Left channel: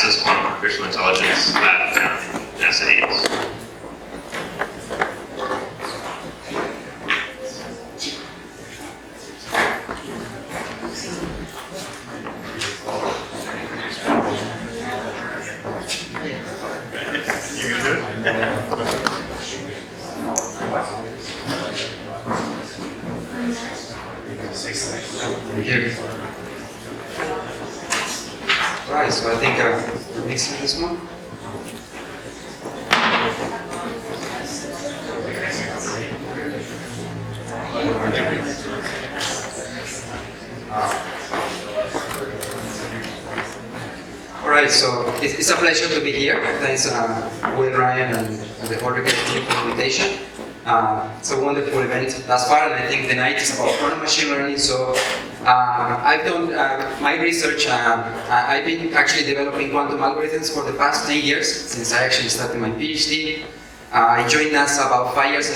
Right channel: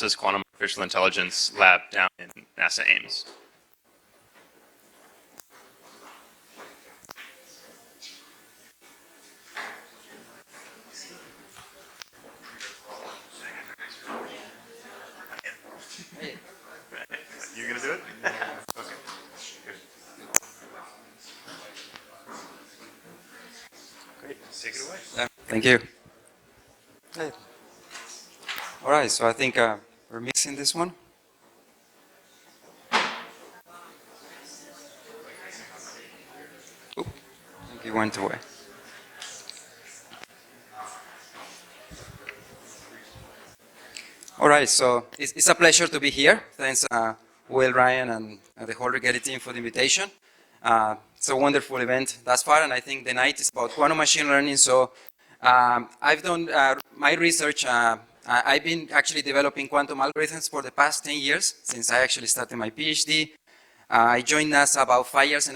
NASA's Quantum Artificial Intelligence Lab down in NASA Ames. Thank you. All right, so I think we're mixing this one. All right, so it's a pleasure to be here. Thanks, Will, Ryan, and the whole Recorded team for the invitation. It's a wonderful event thus far, and I think the night is about quantum machine learning. So I've done my research. I've been actually developing quantum algorithms for the past 10 years, since I actually started my PhD. I joined NASA about 5.5 years,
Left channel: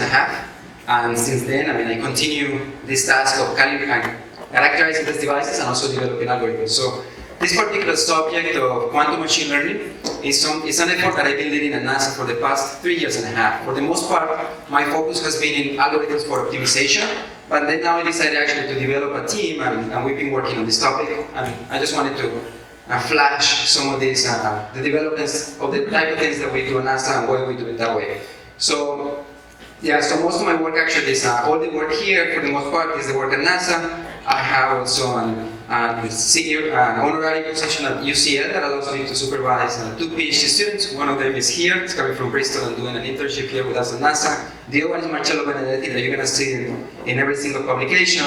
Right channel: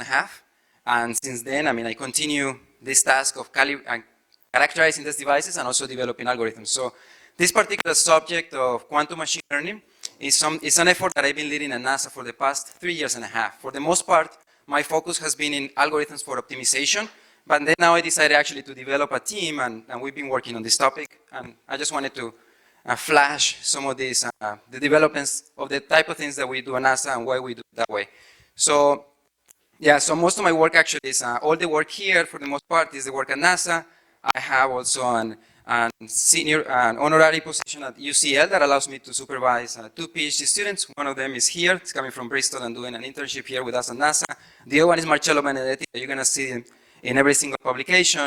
and since then, I continue this task of characterizing these devices and also developing algorithms. So this particular subject of quantum machine learning is an effort that I've been leading at NASA for the past 3.5 years. For the most part, my focus has been in algorithms for optimization, but then now I decided actually to develop a team, and we've been working on this topic, and I just wanted to flash some of these, the developments of the type of things that we do at NASA and why we do it that way. So, yeah, so most of my work actually is, all the work here, for the most part, is the work at NASA. I have also a senior honorary position at UCL that allows me to supervise 2 PhD students. One of them is here, it's coming from Bristol and doing an internship here with us at NASA. The other one is Marcello Benedetti, that you're going to see in every single publication.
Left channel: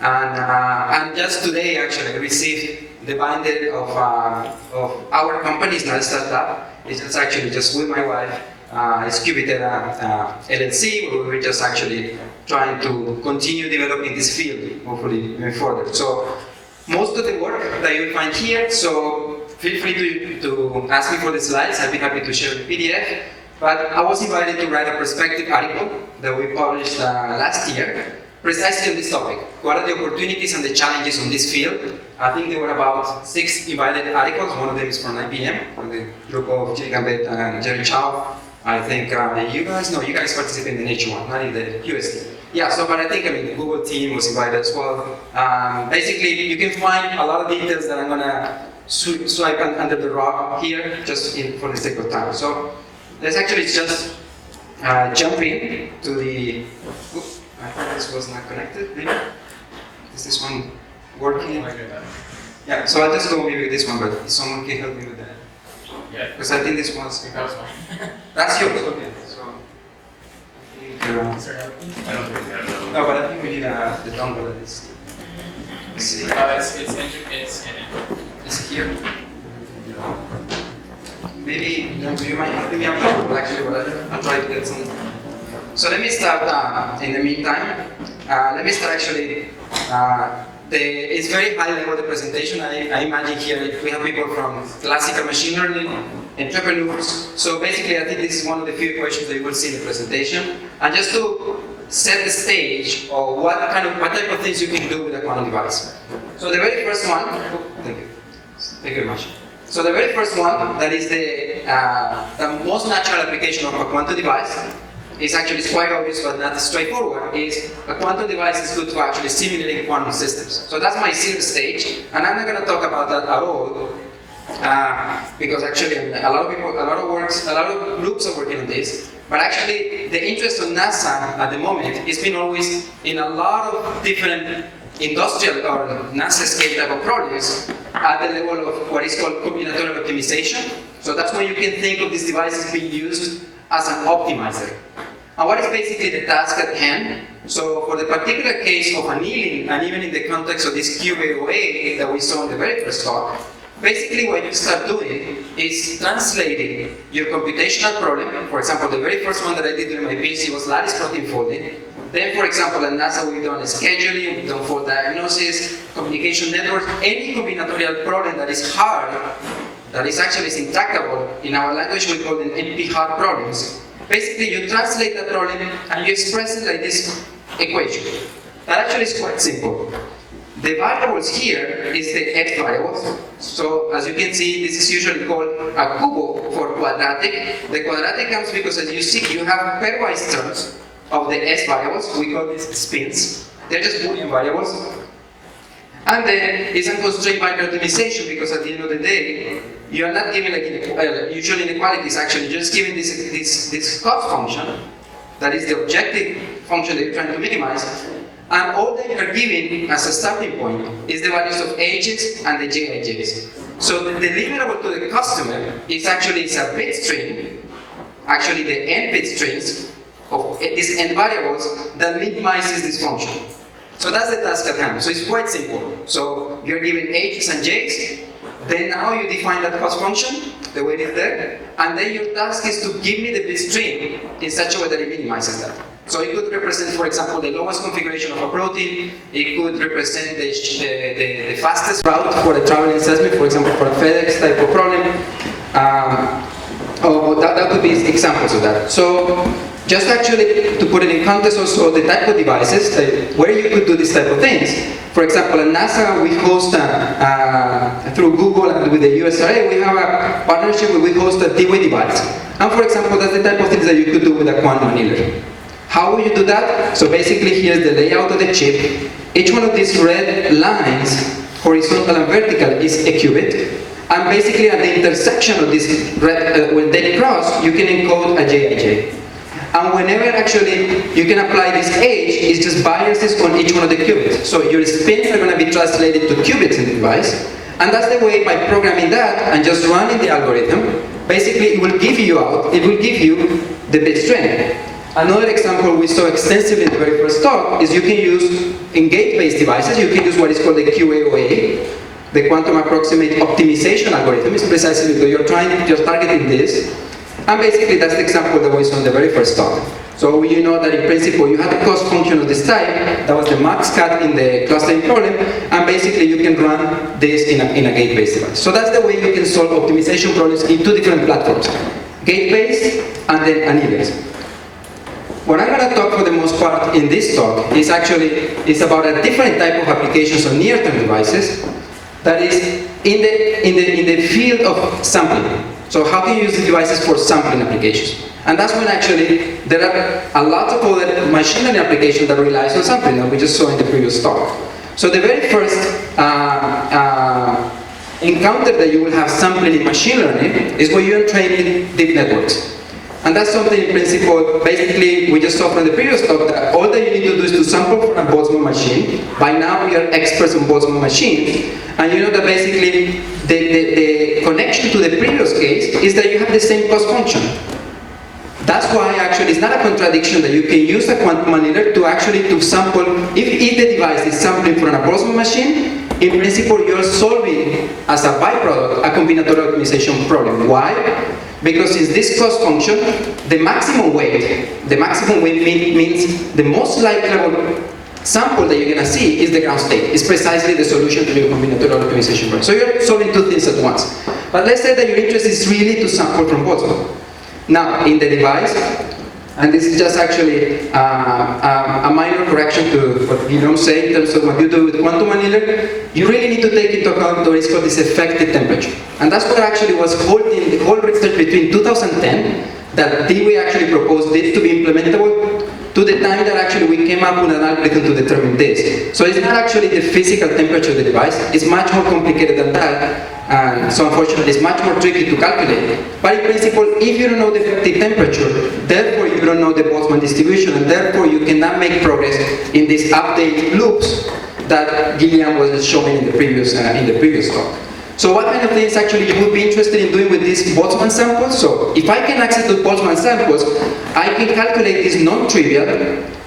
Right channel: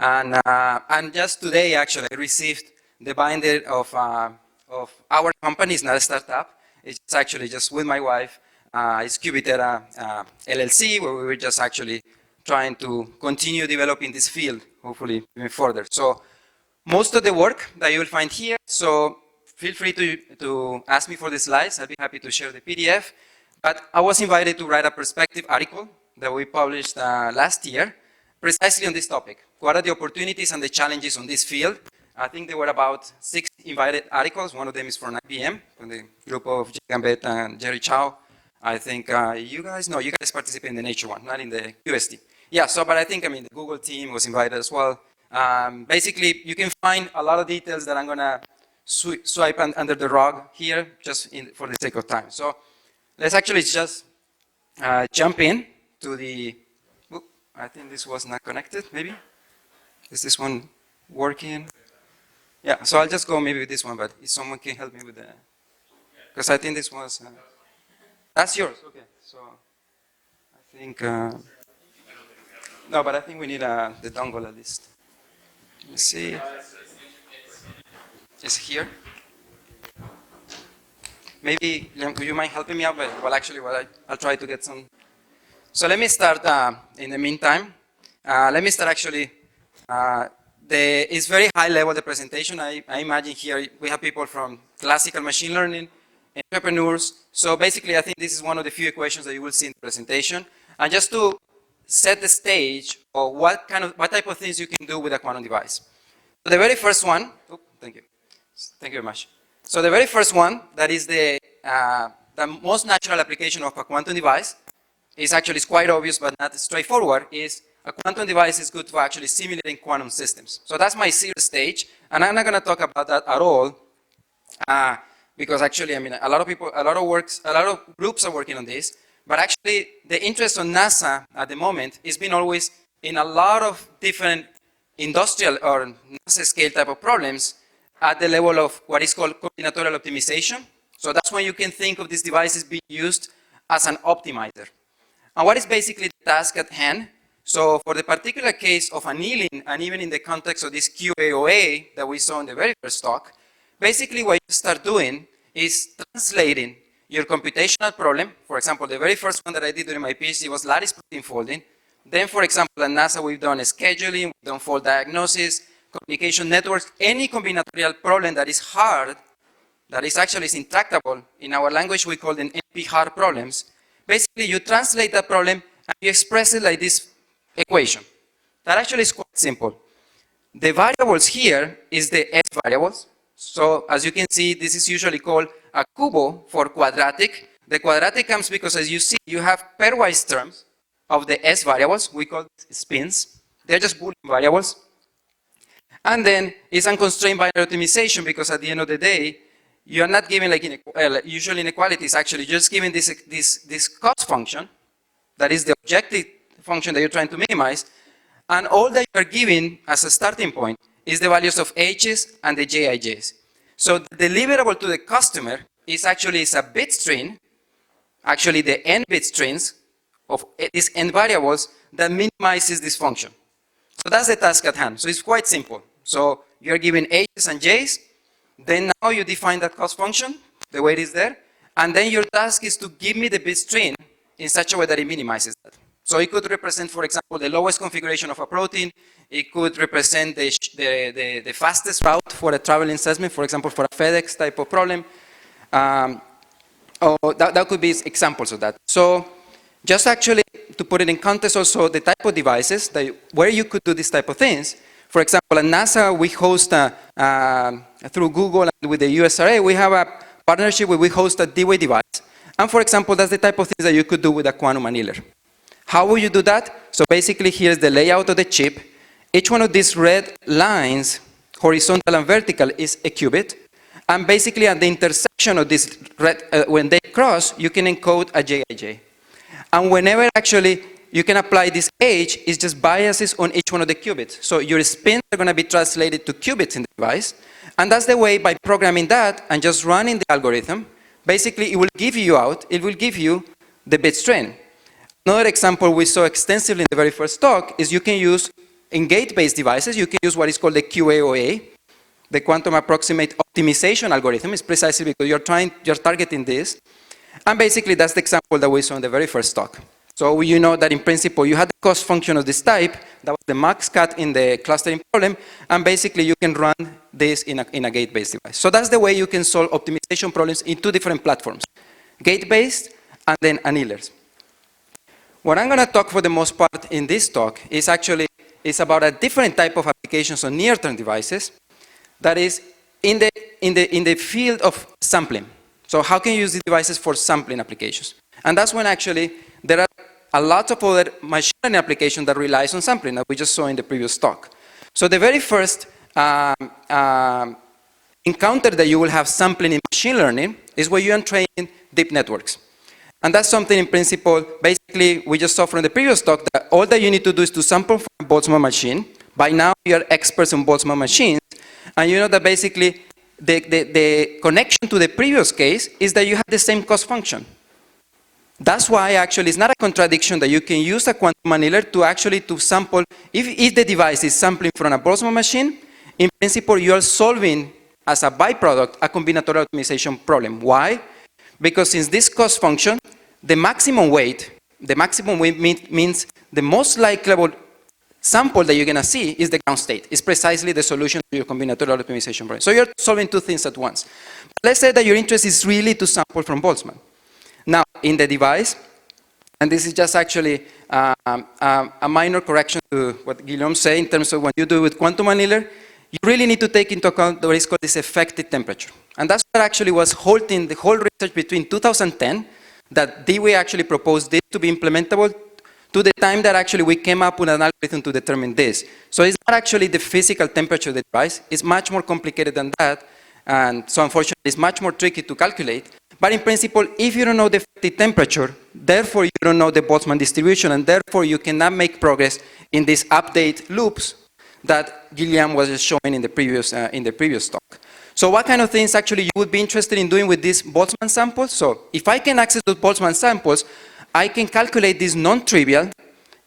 And just today, actually, I received the binder of our company. It's not a startup. It's actually just with my wife. It's Qubitera LLC, where we were just actually trying to continue developing this field, hopefully even further. So most of the work that you'll find here, so feel free to ask me for the slides. I'd be happy to share the PDF. But I was invited to write a perspective article that we published last year, precisely on this topic. What are the opportunities and the challenges on this field? I think there were about 6 invited articles. One of them is from IBM, from the group of Jay Gambetta and Jerry Chow. I think you guys participate in the Nature one, not in the UST. Yeah, so, but I think, the Google team was invited as well. Basically, you can find a lot of details that I'm gonna swipe under the rug here, just for the sake of time. So, let's actually just jump in to the, I thought this was not connected, maybe? Is this one working? Yeah, so I'll just go maybe with this one, but someone can help me with that. Yeah. Because I think this was, that's yours, okay. So, I think, no, but I think we need the dongle at least. Let's see. It's here. Maybe, do you mind helping me out? Well, actually, I'll try to get some. So let me start, in the meantime, let me start actually, it's very high level, the presentation. I imagine here we have people from classical machine learning, entrepreneurs. So basically, I think this is one of the few questions that you will see in the presentation. And just to set the stage of what type of things you can do with a quantum device. So the very first one, thank you very much. So the very first one, that is the most natural application of a quantum device, is actually quite obvious but not straightforward, is a quantum device is good to actually simulate quantum systems. So that's my zero stage, and I'm not going to talk about that at all, because actually, a lot of groups are working on this, but actually the interest of NASA at the moment has been always in a lot of different industrial or NASA scale type of problems at the level of what is called combinatorial optimization. So that's why you can think of these devices being used as an optimizer. And what is basically the task at hand? So for the particular case of annealing, and even in the context of this QAOA that we saw in the very first talk, basically what you start doing is translating your computational problem. For example, the very first one that I did during my PhD was lattice protein folding. Then, for example, at NASA we've done scheduling, we've done fault diagnosis, communication networks, any combinatorial problem that is hard, that is actually intractable. In our language we call them NP-hard problems. Basically, you translate that problem and you express it like this equation. That actually is quite simple. The variables here is the x variables. So as you can see, this is usually called a cubo for quadratic. The quadratic comes because, as you see, you have pairwise terms of the s variables. We call these spins. They're just Boolean variables. And then it's unconstrained by optimization because at the end of the day, you're not giving like usual inequalities. Actually, you're just giving this cost function that is the objective function that you're trying to minimize. And all that you're giving as a starting point is the values of h's and the jij's. So the deliverable to the customer is actually a bit string, actually the n bit strings of these n variables that minimizes this function. So that's the task at hand. So it's quite simple. So you're given h's and j's, then now you define that cost function, the way it is there, and then your task is to give me the bit string in such a way that it minimizes that. So it could represent, for example, the lowest configuration of a protein. It could represent the fastest route for a traveling salesman, for example, for a FedEx type of problem. That could be examples of that. So just actually to put it in context also the type of devices where you could do this type of things. For example, at NASA we host, through Google and with the USRA, we have a partnership where we host a D-Way device. And for example, that's the type of things that you could do with a quantum annealer. How will you do that? So basically here's the layout of the chip. Each one of these red lines, horizontal and vertical, is a qubit. And basically at the intersection of this red, when they cross, you can encode a Jij. And whenever actually you can apply this H, it's just biases on each one of the qubits. So your spins are going to be translated to qubits in the device. And that's the way, by programming that and just running the algorithm, basically it will give you the bit strength. Another example we saw extensively in the very first talk is you can use, in gate-based devices, you can use what is called the QAOA, the quantum approximate optimization algorithm. It's precisely because you're targeting this. And basically that's the example that we saw in the very first talk. So you know that in principle you had the cost function of this type, that was the max cut in the clustering problem, and basically you can run this in a gate-based device. So that's the way you can solve optimization problems in two different platforms, gate-based and then annealers. What I'm going to talk for the most part in this talk is about a different type of applications on near-term devices, that is in the field of sampling. So how can you use the devices for sampling applications? And that's when actually there are a lot of other machine learning applications that relies on sampling that we just saw in the previous talk. So the very first encounter that you will have sampling in machine learning is when you're training deep networks. And that's something in principle, basically, we just saw from the previous talk that all that you need to do is to sample from a Boltzmann machine. By now, we are experts on Boltzmann machines. And you know that basically, the connection to the previous case is that you have the same cost function. That's why actually it's not a contradiction that you can use a quantum annealer to sample, if the device is sampling from a Boltzmann machine, in principle, you are solving, as a byproduct, a combinatorial optimization problem. Why? Because since this cost function, the maximum weight means the most likely sample that you're going to see is the ground state. It's precisely the solution to your combinatorial optimization problem. So you're solving two things at once. But let's say that your interest is really to sample from Boltzmann. Now, in the device, and this is just actually a minor correction to what Guillaume said in terms of what you do with quantum annealer, you really need to take into account what is called this effective temperature. And that's what actually was holding the whole research between 2010, that we actually proposed it to be implementable, to the time that actually we came up with an algorithm to determine this. So it's not actually the physical temperature of the device, it's much more complicated than that. And so unfortunately it's much more tricky to calculate. But in principle, if you don't know the effective temperature, therefore you don't know the Boltzmann distribution, and therefore you cannot make progress in these update loops that Guillaume was showing in the previous talk. So what kind of things actually you would be interested in doing with these Boltzmann samples? So if I can access the Boltzmann samples, I can calculate these non-trivial,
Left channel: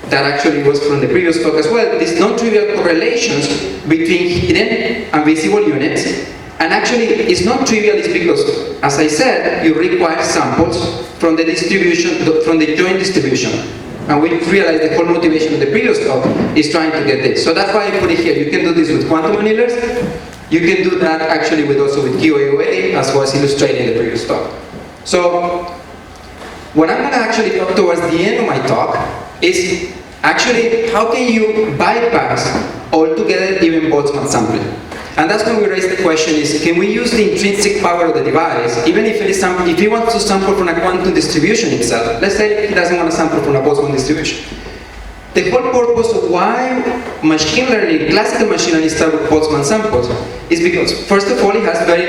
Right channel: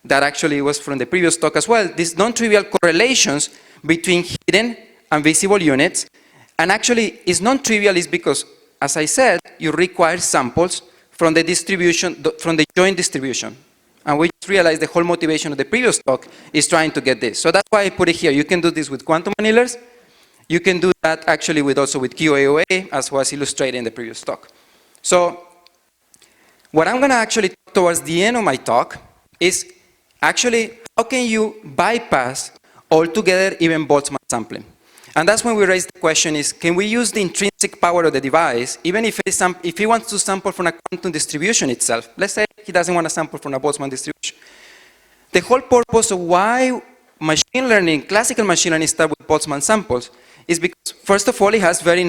that actually was from the previous talk as well, these non-trivial correlations between hidden and visible units. And actually, it's not trivial, is because, as I said, you require samples from the distribution, from the joint distribution. And we realized the whole motivation of the previous talk is trying to get this. So that's why I put it here. You can do this with quantum annealers. You can do that actually also with QAOA, as was illustrated in the previous talk. So what I'm going to actually talk towards the end of my talk is actually, how can you bypass altogether even Boltzmann sampling? And that's when we raise the question is, can we use the intrinsic power of the device, even if it is if you want to sample from a quantum distribution itself, let's say he doesn't want to sample from a Boltzmann distribution. The whole purpose of why machine learning, classical machine learning start with Boltzmann samples is because, first of all, it has very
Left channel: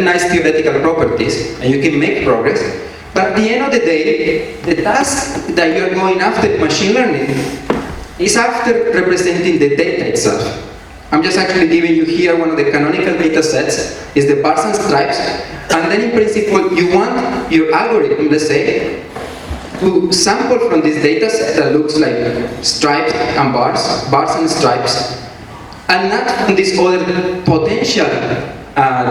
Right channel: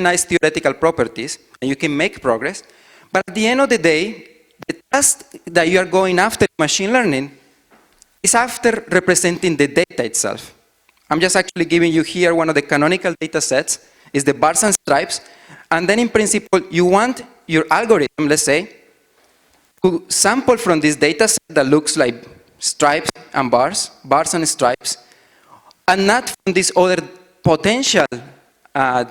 nice theoretical properties, and you can make progress. But at the end of the day, the task that you are going after in machine learning is after representing the data itself. I'm just actually giving you here one of the canonical data sets, is the bars and stripes, and then in principle, you want your algorithm, let's say, to sample from this data set that looks like stripes and bars and stripes, and not from this other potential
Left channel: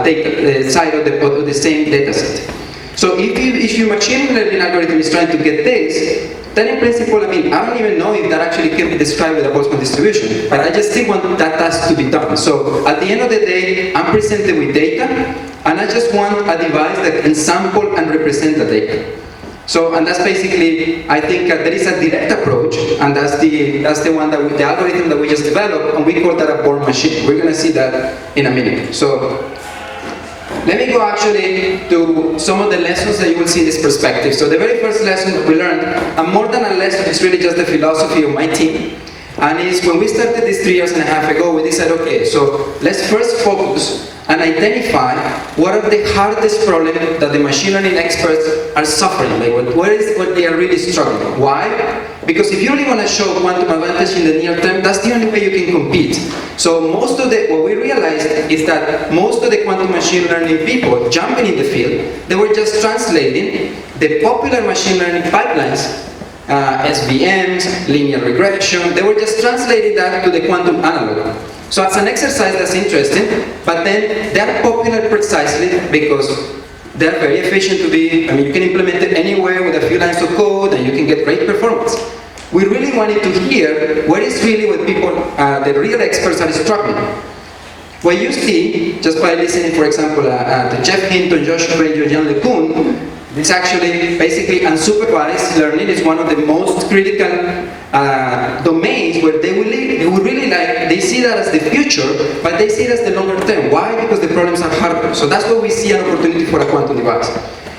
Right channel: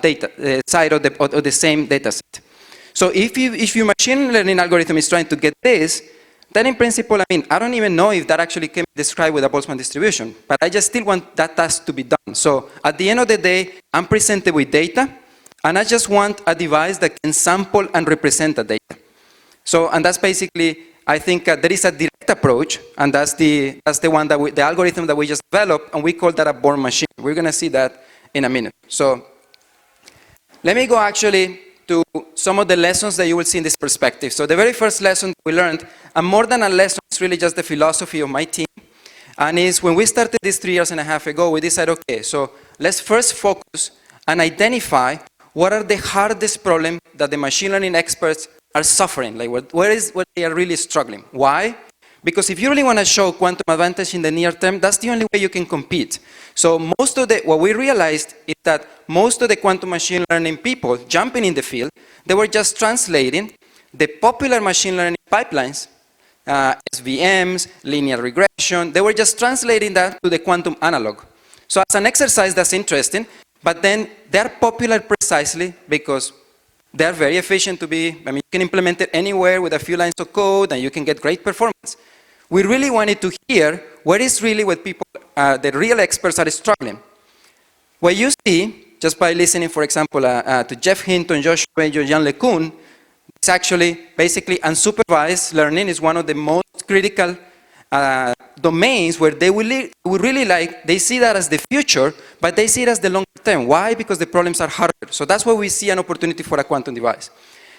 data side of the same data set. So if your machine learning algorithm is trying to get this, then in principle, I mean, I don't even know if that actually can be described with a Boltzmann distribution, but I just still want that task to be done. So at the end of the day, I'm presented with data, and I just want a device that can sample and represent the data. So, and that's basically, I think there is a direct approach, and that's the one that the algorithm that we just developed, and we call that a Born machine. We're gonna see that in a minute. So, let me go actually to some of the lessons that you will see in this perspective. So the very first lesson that we learned, and more than a lesson, it's really just the philosophy of my team. And it's when we started this 3.5 years ago, we decided, okay, so let's first focus and identify what are the hardest problems that the machine learning experts are suffering. Like what they are really struggling. Why? Because if you really want to show quantum advantage in the near term, that's the only way you can compete. So what we realized is that most of the quantum machine learning people jumping in the field, they were just translating the popular machine learning pipelines, SVMs, linear regression, they were just translating that to the quantum analog. So it's an exercise that's interesting, but then they're popular precisely because they're very efficient to be, I mean, you can implement it anywhere with a few lines of code and you can get great performance. We really wanted to hear what is really what people, the real experts are struggling. What you see, just by listening, for example, to Jeff Hinton, Joshua Benjo, Jan LeCun, it's actually basically unsupervised learning is one of the most critical domains where they see that as the future, but they see it as the longer term. Why? Because the problems are harder. So that's why we see an opportunity for a quantum device.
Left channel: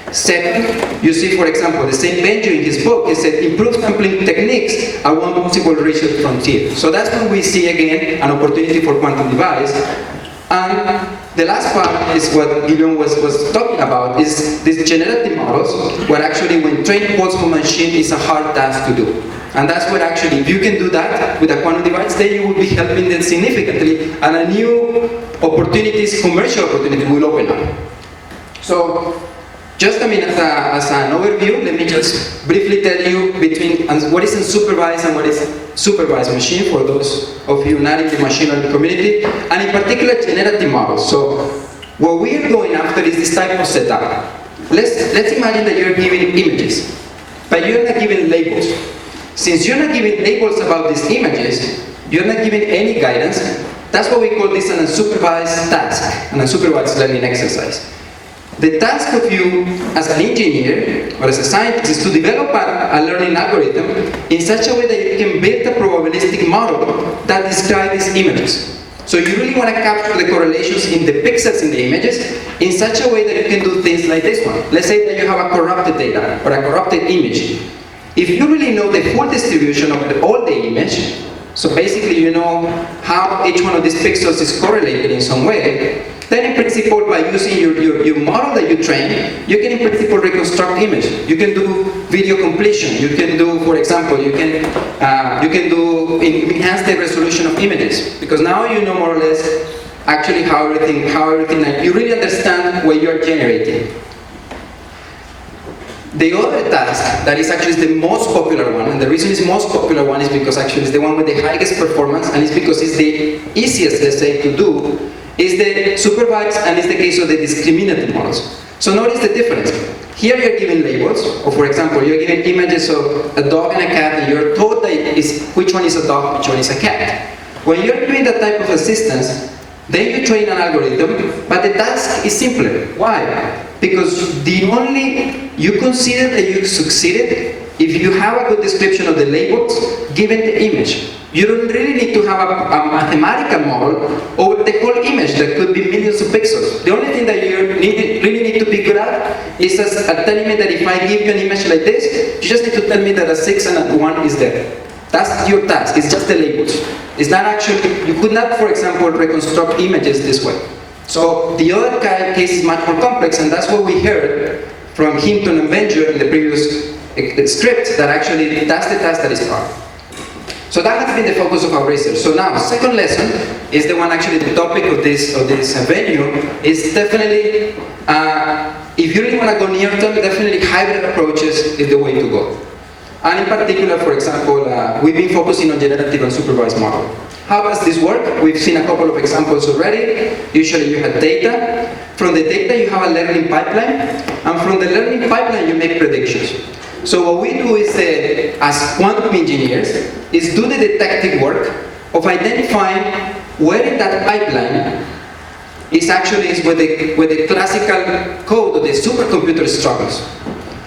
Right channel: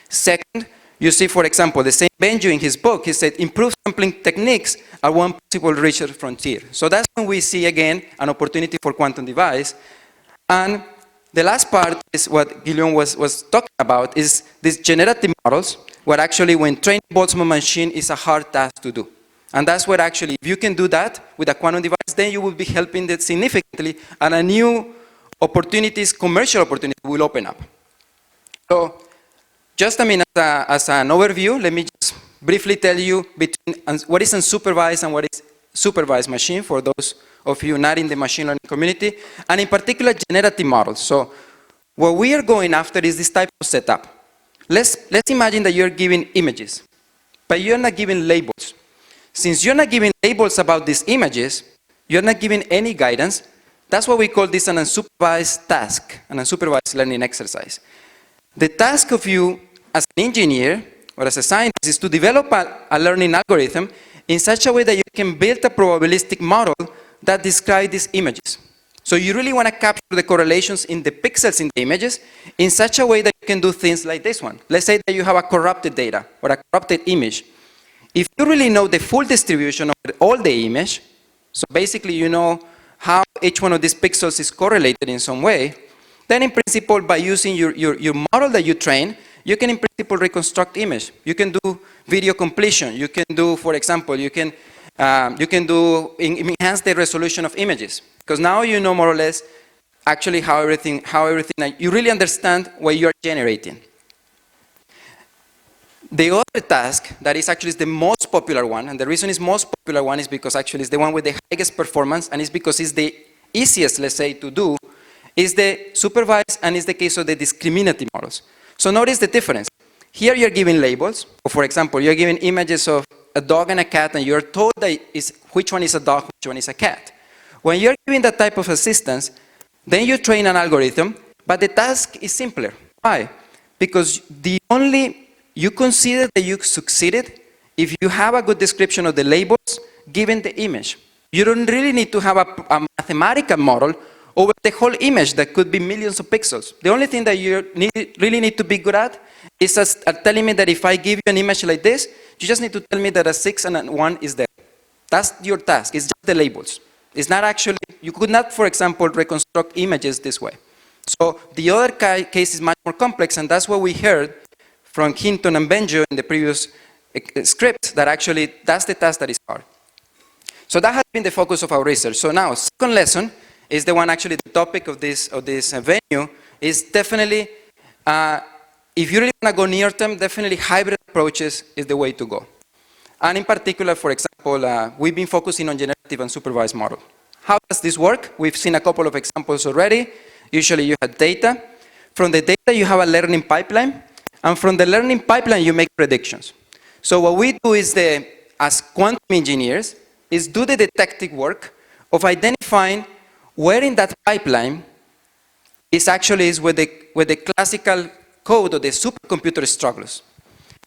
Second, you see, for example, the same Benjo in his book, he said improved sampling techniques are one possible research frontier. So that's when we see again an opportunity for quantum device. And the last part is what Guillaume was talking about, is these generative models, where actually when trained Boltzmann machine is a hard task to do. And that's where actually, if you can do that with a quantum device, then you will be helping them significantly, and a new opportunities, commercial opportunity will open up. So, just a minute as an overview, let me just briefly tell you between what is unsupervised and what is supervised machine for those of you not in the machine learning community, and in particular generative models. So what we are going after is this type of setup. Let's imagine that you're giving images, but you're not giving labels. Since you're not giving labels about these images, you're not giving any guidance. That's what we call this an unsupervised task, an unsupervised learning exercise. The task of you as an engineer or as a scientist is to develop a learning algorithm in such a way that you can build a probabilistic model that describes these images. So you really want to capture the correlations in the pixels in the images in such a way that you can do things like this one. Let's say that you have a corrupted data or a corrupted image. If you really know the full distribution of all the image, so basically you know how each one of these pixels is correlated in some way, then in principle, by using your model that you train, you can in principle reconstruct image. You can do video completion. You can do, for example, you can enhance the resolution of images, because now you know more or less actually how everything you really understand what you're generating. The other task that is actually the most popular one, and the reason it's the most popular one is because actually it's the one with the highest performance, and it's because it's the easiest, let's say, to do, is the supervised, and it's the case of the discriminative models. So notice the difference. Here you're giving labels, or for example, you're giving images of a dog and a cat, and you're told that which one is a dog, which one is a cat. When you're doing that type of assistance, then you train an algorithm, but the task is simpler. Why? Because you consider that you succeeded if you have a good description of the labels given the image, you don't really need to have a mathematical model over the whole image that could be millions of pixels. The only thing that you really need to be good at is telling me that if I give you an image like this, you just need to tell me that a 6 and a 1 is there. That's your task, it's just the labels. It's not actually, you could not, for example, reconstruct images this way. So the other case is much more complex, and that's what we heard from Hinton and Benjo in the previous script, that actually that's the task that is hard. So that had been the focus of our research. So now, second lesson is the one actually the topic of this venue is definitely, if you really want to go near term, definitely hybrid approaches is the way to go. And in particular, for example, we've been focusing on generative and supervised model. How does this work? We've seen a couple of examples already. Usually you have data. From the data you have a learning pipeline. And from the learning pipeline you make predictions. So what we do is, as quantum engineers, is do the detective work of identifying where in that pipeline is where the classical code of the supercomputer struggles.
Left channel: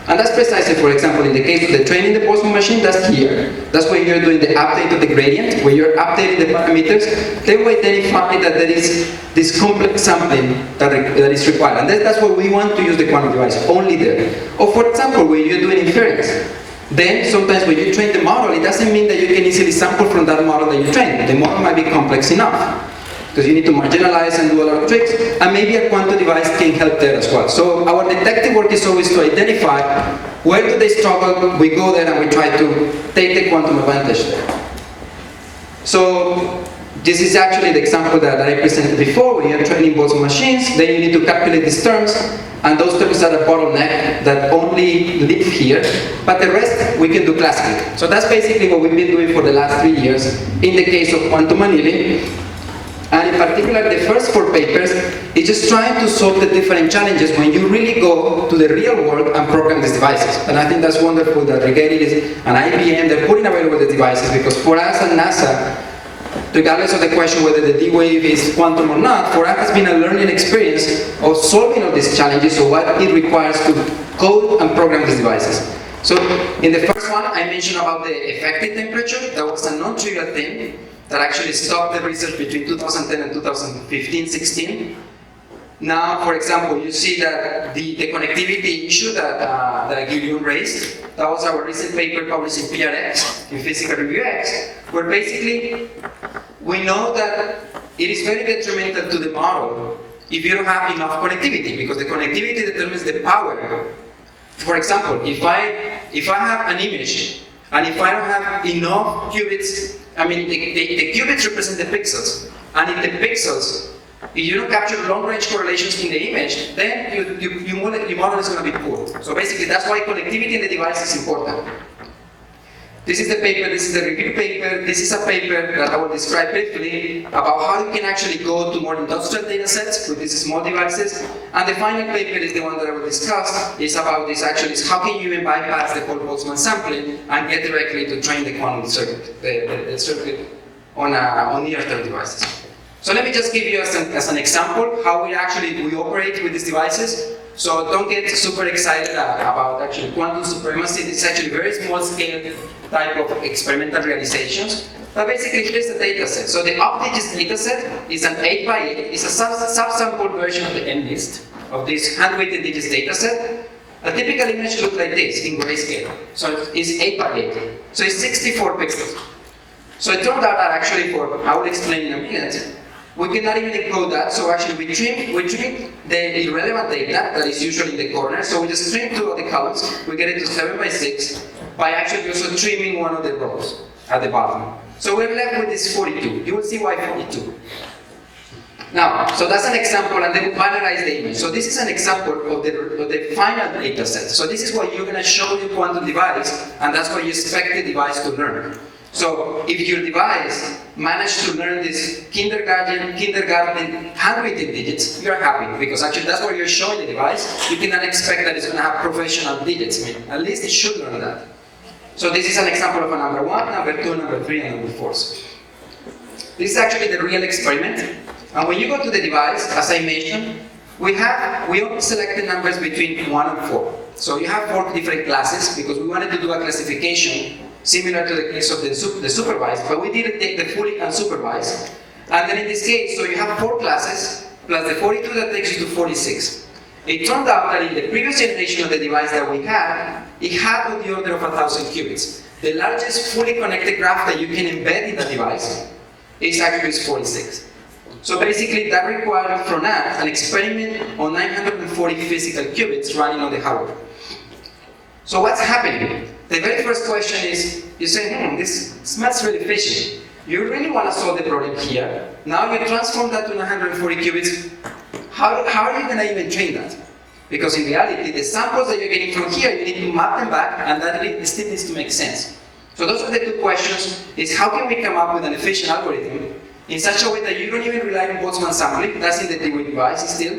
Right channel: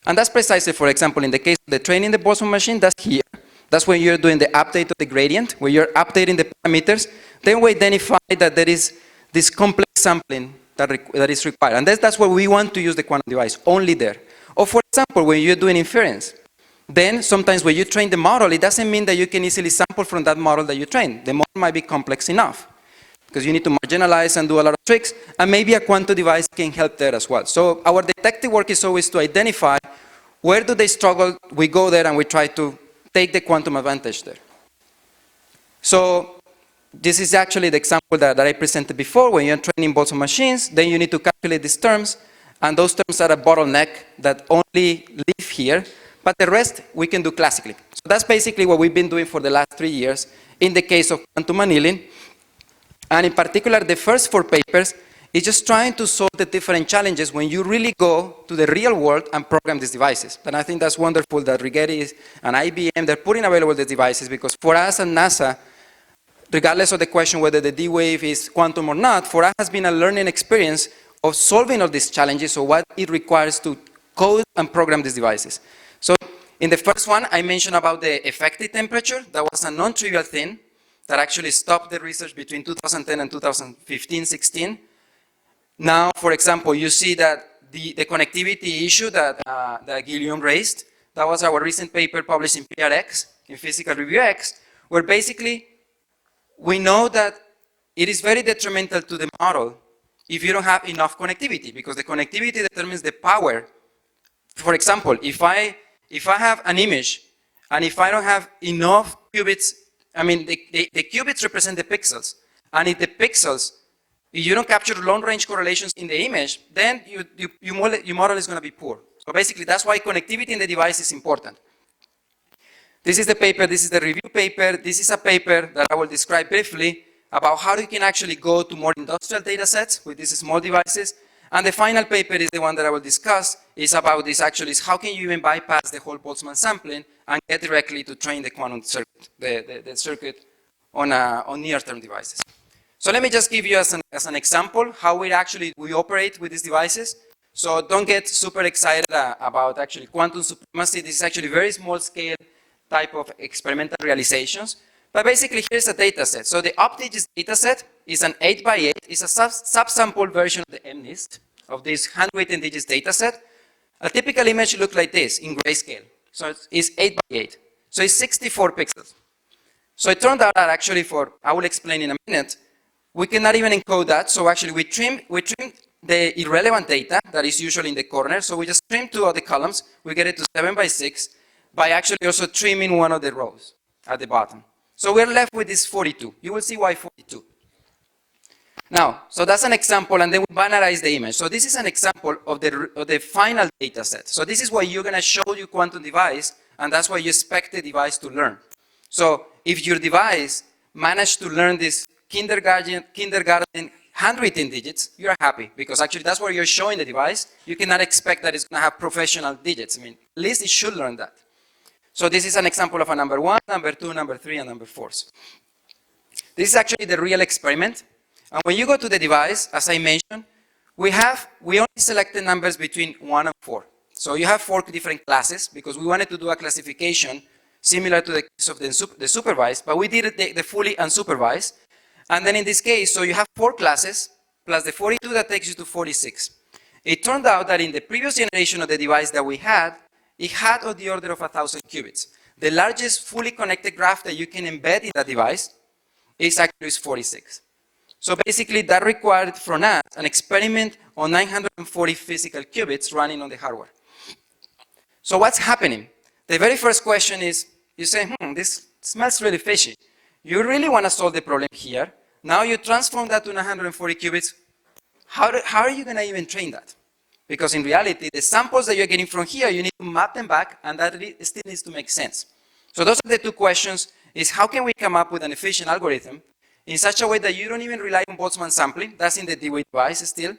And that's precisely, for example, in the case of the training the Boltzmann machine, that's here. That's where you're doing the update of the gradient, where you're updating the parameters. Then we identify that there is this complex sampling that is required. And that's where we want to use the quantum device, only there. Or for example, when you're doing inference, then sometimes when you train the model, it doesn't mean that you can easily sample from that model that you trained. The model might be complex enough, because you need to marginalize and do a lot of tricks, and maybe a quantum device can help there as well. So our detective work is always to identify where do they struggle, we go there and we try to take the quantum advantage there. So this is actually the example that I presented before. When you're training Boltzmann machines, then you need to calculate these terms, and those terms are a bottleneck that only live here, but the rest we can do classically. So that's basically what we've been doing for the last 3 years in the case of quantum annealing. And in particular, the first 4 papers is just trying to solve the different challenges when you really go to the real world and program these devices. And I think that's wonderful that Rigetti and IBM, they're putting available the devices, because for us at NASA, regardless of the question whether the D-wave is quantum or not, for us has been a learning experience of solving all these challenges of what it requires to code and program these devices. So in the first one, I mentioned about the effective temperature. That was a non-trivial thing that actually stopped the research between 2010 and 2015-16. Now, for example, you see that the connectivity issue that Guillaume raised, that was our recent paper published in PRX, in Physical Review X, where basically we know that it is very detrimental to the model if you don't have enough connectivity, because the connectivity determines the power. For example, if I have an image, and if I don't have enough qubits, I mean, the qubits represent the pixels, and if the pixels, if you don't capture long-range correlations in the image, then your model is going to be poor. So basically, that's why connectivity in the device is important. This is the paper, this is the review paper, this is a paper that I will describe briefly about how you can actually go to more industrial data sets with these small devices. And the final paper is the one that I will discuss, is about this actually, is how can you even bypass the whole Boltzmann sampling and get directly to train the quantum circuit, the circuit on near-term devices. So let me just give you as an example how we operate with these devices. So don't get super excited about actually quantum supremacy. This is actually very small scale type of experimental realizations. But basically, here's a data set. So the UpDigits data set is an 8x8. It's a subsample version of the MNIST, of this handweighted digits data set. A typical image looks like this in grayscale. So it's 8x8. So it's 64 pixels. So it turned out that actually I will explain in a minute, we cannot even encode that, so actually we trim the irrelevant data that is usually in the corner, so we just trim 2 of the columns, we get it to 7x6, by actually also trimming 1 of the rows at the bottom. So we're left with this 42. You will see why 42. Now, so that's an example, and then we binarize the image. So this is an example of the final data set. So this is what you're going to show your quantum device, and that's what you expect the device to learn. So if your device managed to learn this kindergarten handwritten digits, you're happy, because actually that's where you're showing the device. You cannot expect that it's going to have professional digits. I mean, at least it should learn that. So this is an example of a number 1, number 2, number 3, and number 4. This is actually the real experiment. And when you go to the device, as I mentioned, we only selected numbers between 1 and 4. So you have 4 different classes because we wanted to do a classification similar to the case of the supervised, but we didn't take the fully unsupervised. And then in this case, so you have 4 classes plus the 42 that takes you to 46. It turned out that in the previous generation of the device that we had, it had on the order of 1,000 qubits. The largest fully connected graph that you can embed in that device is actually 46. So basically that required from us an experiment on 940 physical qubits running on the hardware. So what's happening? The very first question is, you say, this smells really fishy. You really want to solve the problem here. Now you transform that to 940 qubits. How are you going to even train that? Because in reality, the samples that you're getting from here, you need to map them back, and that still needs to make sense. So those are the 2 questions, is how can we come up with an efficient algorithm in such a way that you don't even rely on Boltzmann sampling, that's in the device still,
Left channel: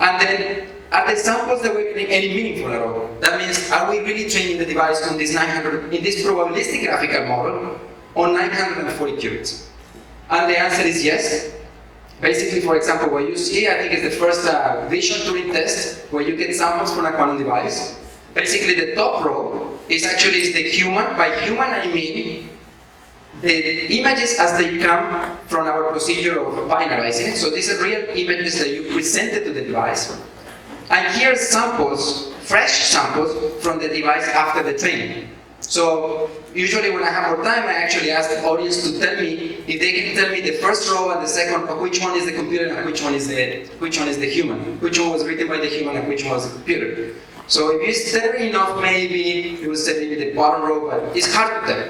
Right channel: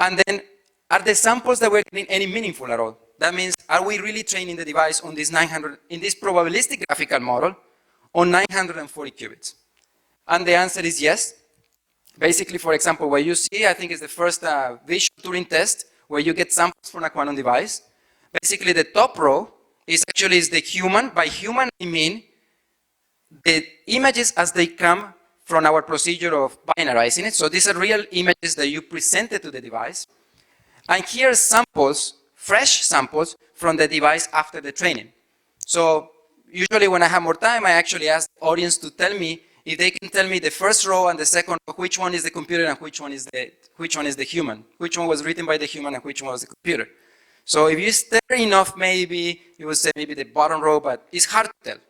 and then are the samples that we're getting any meaningful at all? That means, are we really training the device on this 900, in this probabilistic graphical model, on 940 qubits? And the answer is yes. Basically, for example, what you see, I think is the first visual Turing test, where you get samples from a quantum device. Basically, the top row is the human. By human, I mean the images as they come from our procedure of binarizing it. So these are real images that you presented to the device. And here are samples, fresh samples, from the device after the training. So usually when I have more time, I actually ask the audience to tell me if they can tell me the first row and the second, which one is the computer and which one is the human, which one was written by the human and which one was the computer. So if you stare enough, maybe you will say maybe the bottom row, but it's hard to tell.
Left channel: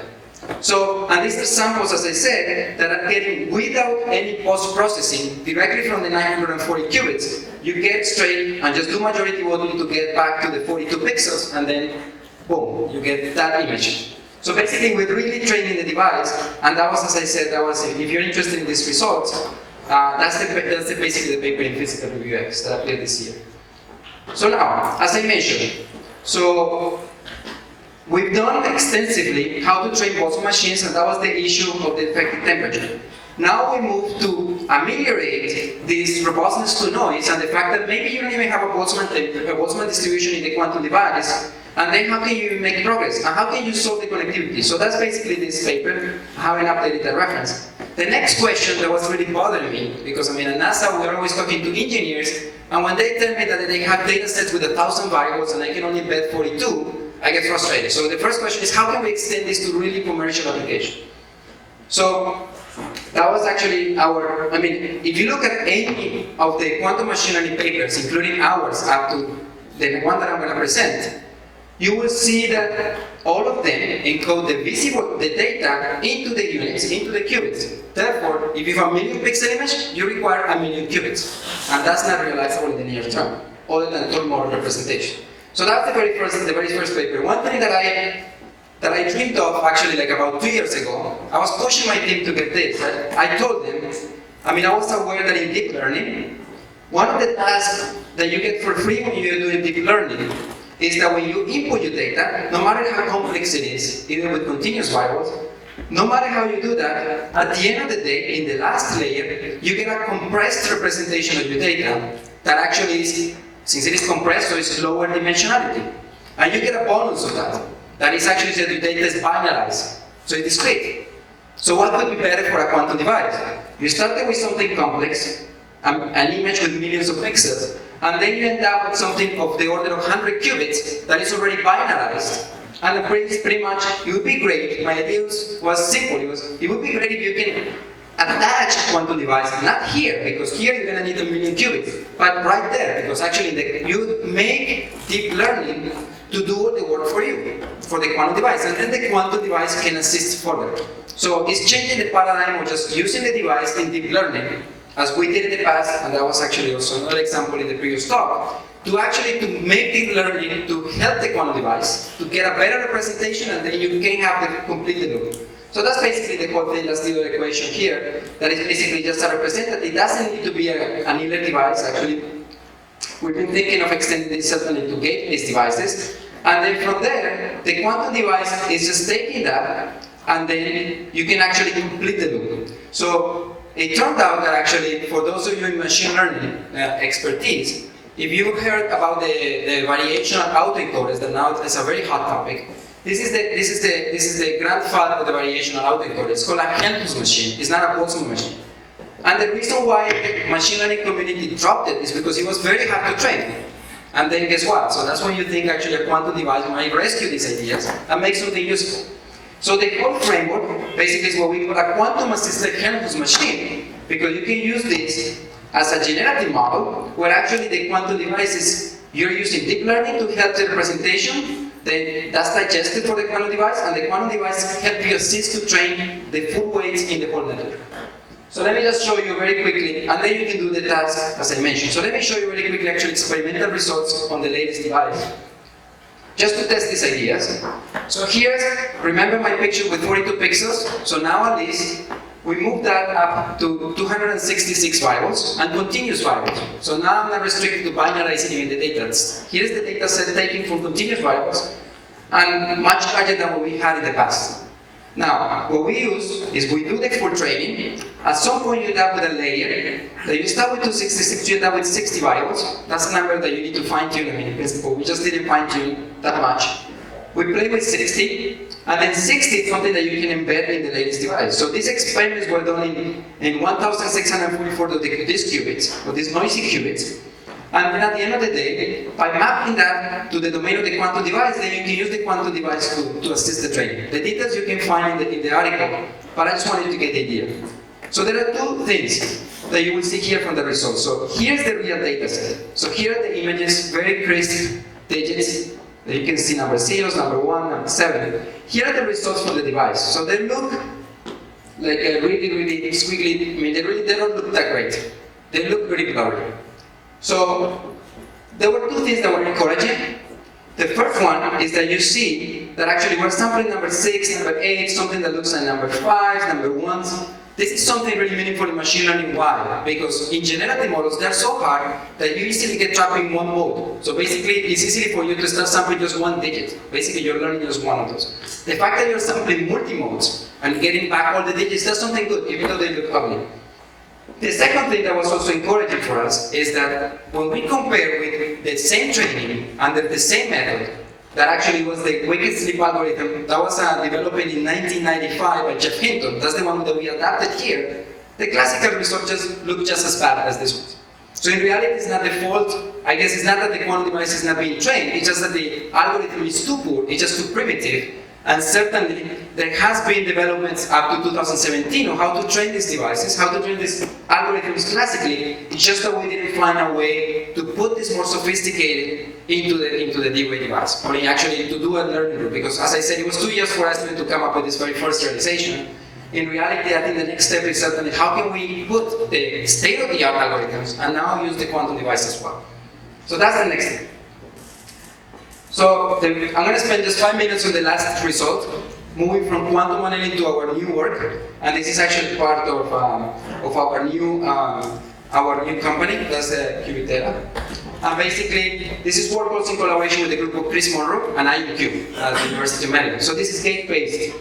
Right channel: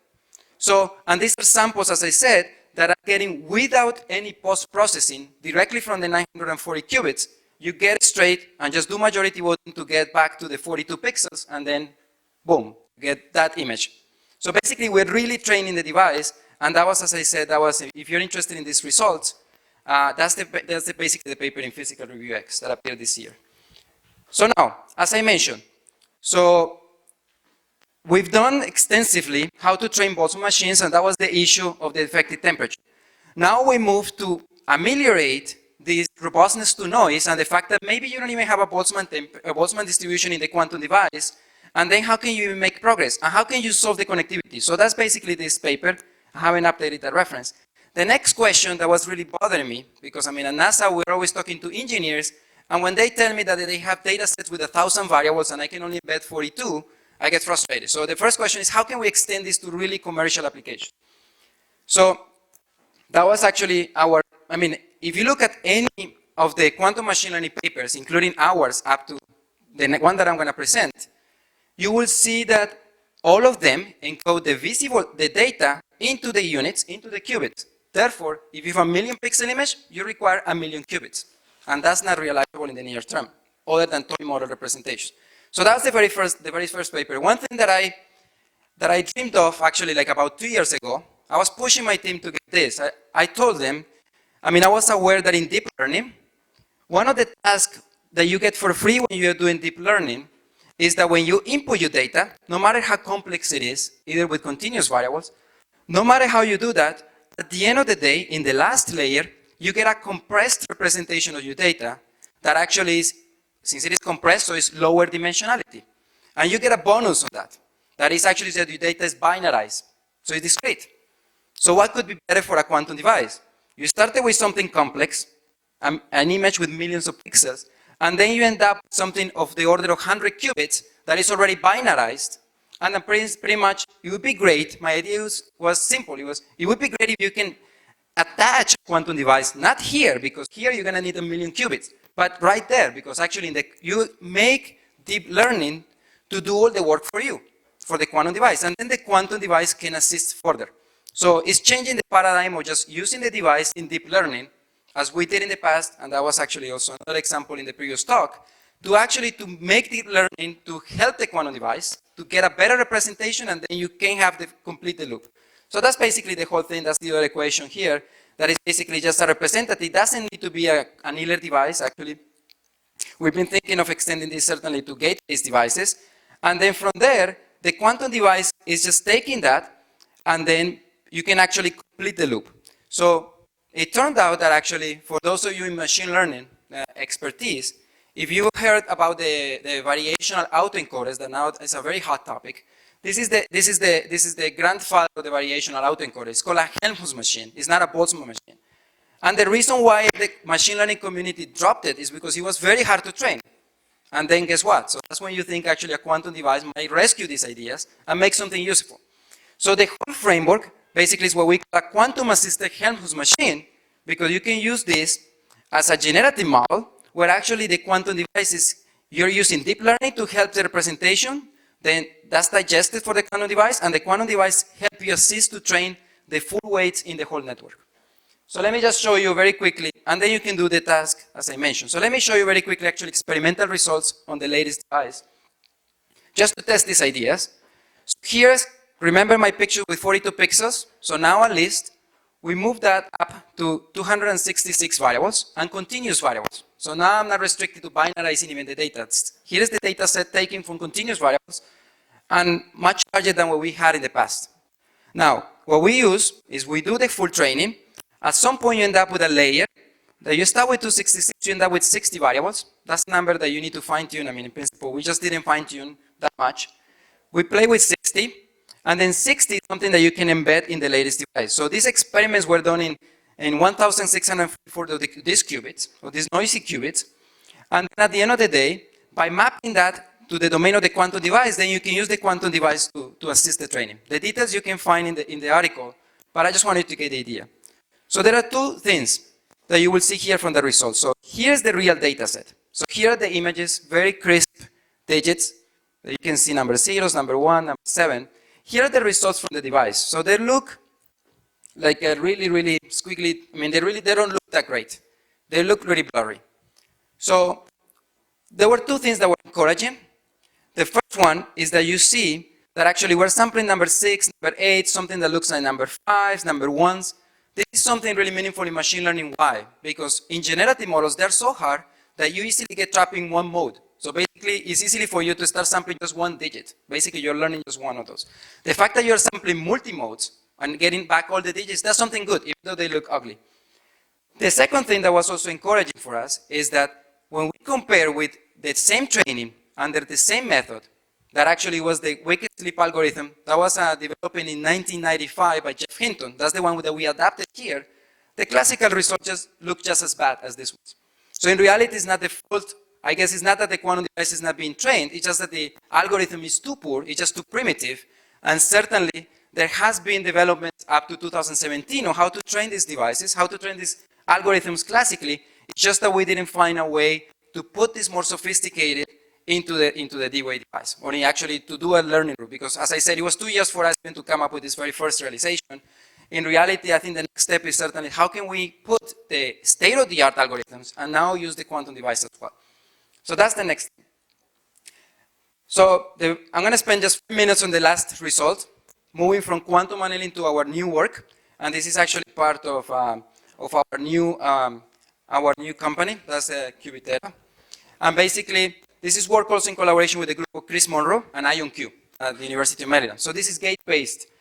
So, and these are samples, as I said, that are getting without any post-processing directly from the 940 qubits. You get straight and just do majority voting to get back to the 42 pixels, and then boom, you get that image. So basically, we're really training the device, and that was, as I said, if you're interested in these results, that's basically the paper in Physical Review X that appeared this year. So now, as I mentioned, so we've done extensively how to train Boltzmann machines, and that was the issue of the effective temperature. Now we move to ameliorate this robustness to noise and the fact that maybe you don't even have a Boltzmann distribution in the quantum device, and then how can you make progress? And how can you solve the connectivity? So that's basically this paper. I haven't updated the reference. The next question that was really bothering me, because at NASA we're always talking to engineers, and when they tell me that they have data sets with 1,000 variables and I can only embed 42, I get frustrated. So the first question is, how can we extend this to really commercial application? So that was actually if you look at any of the quantum machine learning papers, including ours up to the one that I'm going to present, you will see that all of them encode the data into the units, into the qubits. Therefore, if you have a 1,000,000 pixel image, you require 1,000,000 qubits. And that's not realizable in the near term, other than total model representation. So that's the very first paper. One thing that I dreamed of actually like about 2 years ago, I was pushing my team to get this. I told them, I was aware that in deep learning, one of the tasks that you get for free when you're doing deep learning is that when you input your data, no matter how complex it is, either with continuous variables, no matter how you do that, at the end of the day, in the last layer, you get a compressed representation of your data that actually is, since it is compressed, so it's lower dimensionality. And you get a bonus of that. That is actually that your data is binarized, so it's discrete. So what could be better for a quantum device? You started with something complex, an image with millions of pixels, and then you end up with something of the order of 100 qubits that is already binarized. And pretty much, it would be great, my idea was simple, it would be great if you can attach quantum device, not here, because here you're going to need 1,000,000 qubits, but right there, because actually you make deep learning to do all the work for you, for the quantum device, and then the quantum device can assist further. So it's changing the paradigm of just using the device in deep learning, as we did in the past, and that was actually also another example in the previous talk, to make deep learning to help the quantum device, to get a better representation, and then you can have the complete loop. So that's basically the whole thing, that's the other equation here, that is basically just a representative. It doesn't need to be an annealer device, actually. We've been thinking of extending this certainly to gate-based devices, and then from there, the quantum device is just taking that, and then you can actually complete the loop. So it turned out that actually, for those of you in machine learning expertise, if you've heard about the variational autoencoders, that now is a very hot topic, this is the grandfather of the variational autoencoder. It's called a Helmholtz machine. It's not a Boltzmann machine. And the reason why the machine learning community dropped it is because it was very hard to train. And then guess what? So that's when you think actually a quantum device might rescue these ideas and make something useful. So the whole framework basically is what we call a quantum-assisted Helmholtz machine, because you can use this as a generative model where actually the quantum devices, you're using deep learning to help the representation, then that's digested for the quantum device, and the quantum device help you assist to train the full weights in the whole network. So let me just show you very quickly, and then you can do the task as I mentioned. So let me show you very quickly actually experimental results on the latest device, just to test these ideas. So here's, remember my picture with 42 pixels? So now at least, we move that up to 266 variables and continuous variables. So now I'm not restricted to binarizing even the data. Here's the data set taken from continuous variables and much larger than what we had in the past. Now, what we use is we do the full training. At some point you end up with a layer. You start with 266, you end up with 60 variables. That's a number that you need to fine tune. I mean, in principle, we just didn't fine tune that much. We play with 60, and then 60 is something that you can embed in the latest device. So these experiments were done in 1,644 of these qubits, or these noisy qubits. And then at the end of the day, by mapping that to the domain of the quantum device, then you can use the quantum device to assist the training. The details you can find in the article, but I just wanted to get the idea. So there are two things that you will see here from the results. So here's the real data set. So here are the images, very crisp digits. You can see number zeros, number 1, number 7. Here are the results from the device. So they look like a really, really squiggly. I mean, they don't look that great. They look really blurry. So there were two things that were encouraging. The first one is that you see that actually we're sampling number 6, number 8, something that looks like number 5, number 1s. This is something really meaningful in machine learning. Why? Because in generative models, they're so hard that you easily get trapped in one mode. So basically, it's easy for you to start sampling just one digit. Basically, you're learning just one of those. The fact that you're sampling multi-modes and getting back all the digits, that's something good, even though they look ugly. The second thing that was also encouraging for us is that when we compare with the same training under the same method, that actually was the wicked sleep algorithm that was developed in 1995 by Jeff Hinton. That's the one that we adapted here. The classical results just look just as bad as this one. So in reality, it's not the fault. I guess it's not that the quantum device is not being trained. It's just that the algorithm is too poor. It's just too primitive. And certainly, there has been developments up to 2017 on how to train these devices, how to train these algorithms classically. It's just that we didn't find a way to put this more sophisticated into the D-Way device, or actually to do a learning loop. Because as I said, it was 2 years for us even to come up with this very first realization. In reality, I think the next step is certainly how can we put the state-of-the-art algorithms and now use the quantum device as well. So that's the next thing. So I'm going to spend just 5 minutes on the last result, moving from quantum annealing to our new work, and this is actually part of our new company, that's Qubitera. And basically, this is work also in collaboration with a group of Chris Monroe and IonQ at the University of Maryland. So this is gate-based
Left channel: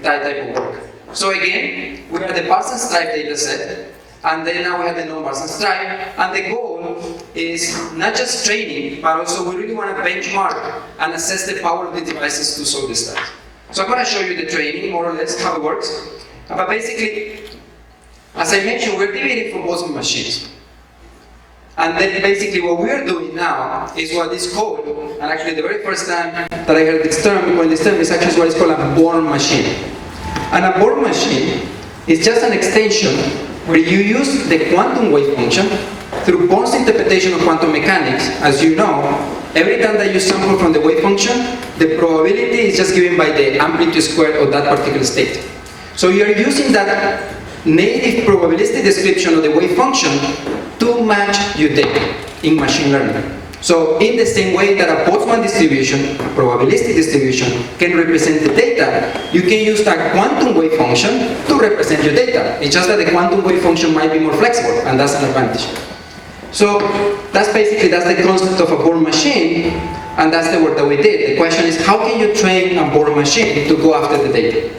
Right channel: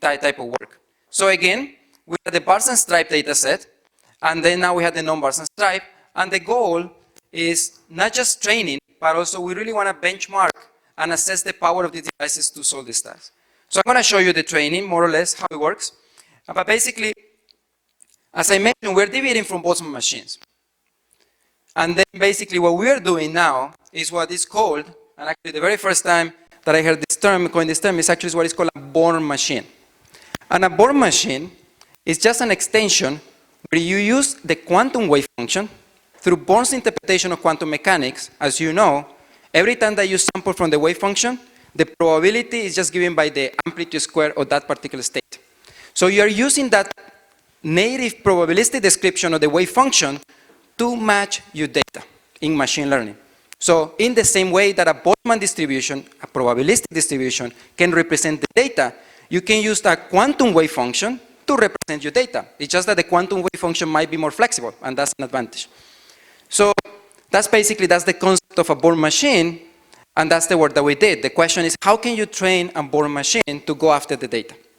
type of work. So again, we have the Parsons type data set, and then now we have the non-Parsons type, and the goal is not just training, but also we really want to benchmark and assess the power of the devices to solve this task. So I'm going to show you the training, more or less, how it works. But basically, as I mentioned, we're deviating from Boltzmann machines. And then basically what we're doing now is what is called, and actually the very first time that I heard this term, is actually what is called a Born machine. And a Born machine is just an extension where you use the quantum wave function through Born's interpretation of quantum mechanics. As you know, every time that you sample from the wave function, the probability is just given by the amplitude squared of that particular state. So you're using that native probabilistic description of the wave function to match your data in machine learning. So in the same way that a Boltzmann distribution, a probabilistic distribution, can represent the data, you can use that quantum wave function to represent your data. It's just that the quantum wave function might be more flexible, and that's an advantage. So that's the concept of a Born machine, and that's the work that we did. The question is, how can you train a Born machine to go after the data?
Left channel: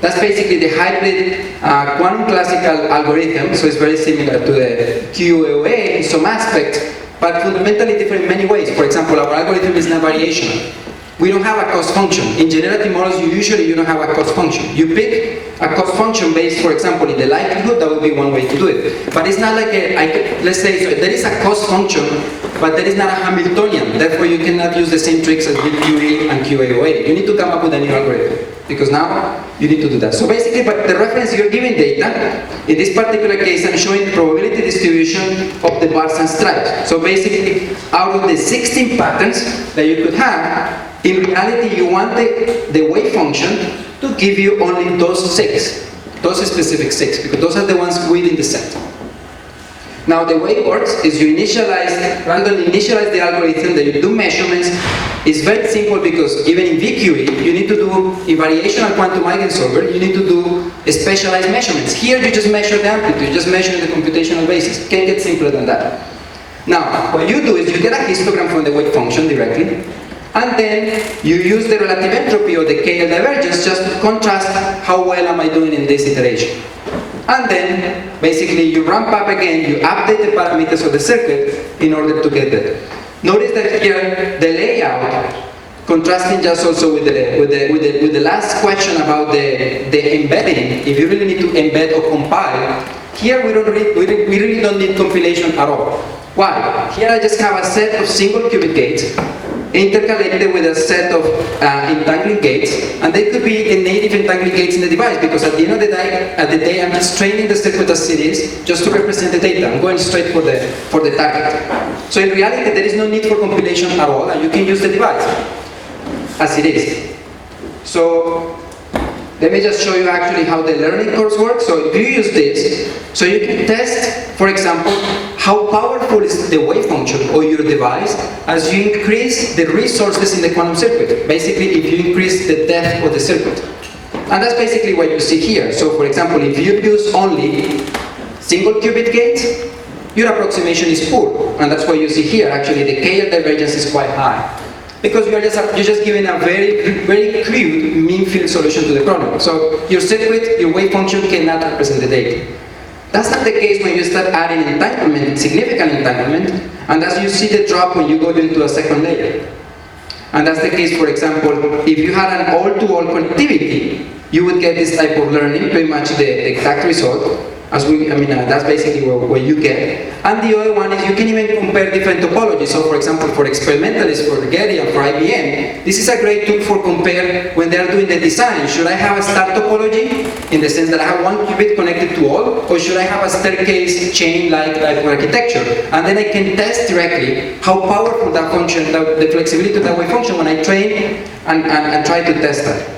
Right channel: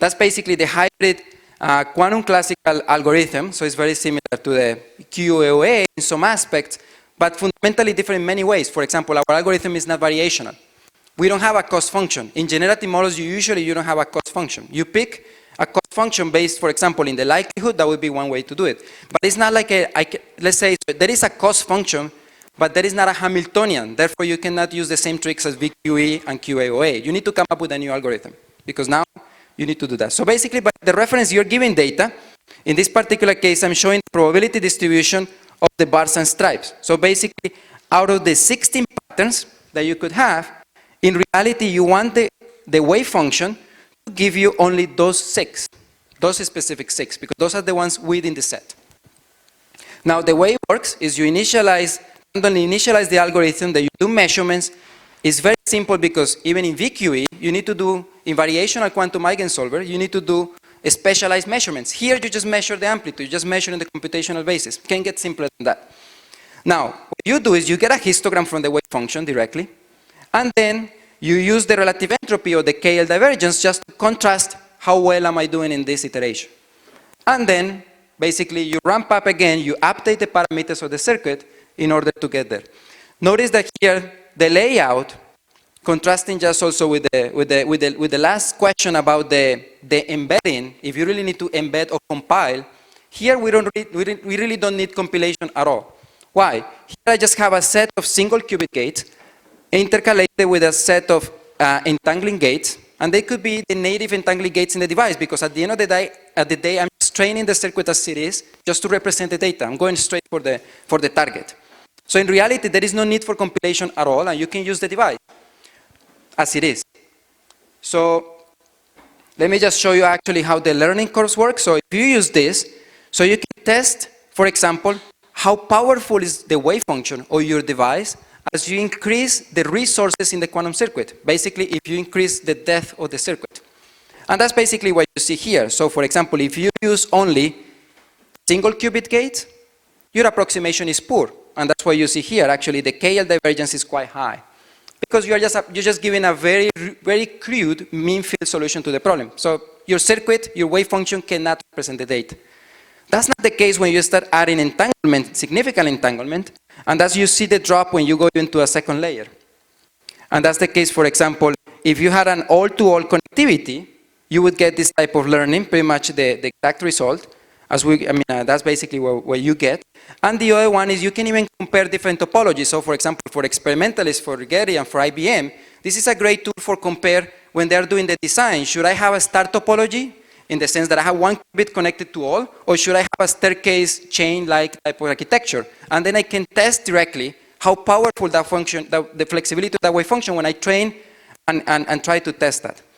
That's basically the hybrid quantum classical algorithm, so it's very similar to the QEOA in some aspects, but fundamentally different in many ways. For example, our algorithm is not variational. We don't have a cost function. In generative models, you don't have a cost function. You pick a cost function based, for example, in the likelihood. That would be one way to do it. But it's not like let's say, so there is a cost function, but there is not a Hamiltonian. Therefore, you cannot use the same tricks as with QE and QAOA. You need to come up with a new algorithm, because now you need to do that. So basically, but the reference, you're giving data. In this particular case, I'm showing probability distribution of the bars and stripes. So basically, out of the 16 patterns that you could have, in reality, you want the wave function to give you only those 6, those specific 6, because those are the ones within the set. Now, the way it works is you randomly initialize the algorithm, that you do measurements. It's very simple because even in VQE, you need to do, in variational quantum eigensolver, you need to do specialized measurements. Here, you just measure the amplitude, you just measure the computational basis. Can't get simpler than that. Now, what you do is you get a histogram from the wave function directly, and then you use the relative entropy or the KL divergence just to contrast how well am I doing in this iteration. And then, basically, you ramp up again, you update the parameters of the circuit in order to get that. Notice that here, the layout, contrasting just also with the last question about the embedding, if you really need to embed or compile, here we really don't need compilation at all. Why? Here I just have a set of single qubit gates, intercalated with a set of entangling gates, and they could be the native entangling gates in the device, because at the end of the day, I'm just training the circuit as it is, just to represent the data. I'm going straight for the target. So in reality, there is no need for compilation at all, and you can use the device as it is. So let me just show you actually how the learning curves work. So if you use this, so you can test, for example, how powerful is the wave function or your device as you increase the resources in the quantum circuit. Basically, if you increase the depth of the circuit. And that's basically what you see here. So for example, if you use only single qubit gates, your approximation is poor. And that's what you see here. Actually, the KL divergence is quite high, because you're just giving a very crude mean field solution to the problem. So your circuit, your wave function cannot represent the data. That's not the case when you start adding entanglement, significant entanglement, and as you see the drop when you go into a second layer. And that's the case, for example, if you had an all-to-all connectivity, you would get this type of learning, pretty much the exact result. That's basically what you get. And the other one is you can even compare different topologies. So for example, for experimentalists, for Getty and for IBM, this is a great tool for compare when they are doing the design. Should I have a star topology, in the sense that I have one qubit connected to all, or should I have a staircase chain like architecture? And then I can test directly how powerful that function, the flexibility of that wave function when I train and try to test that.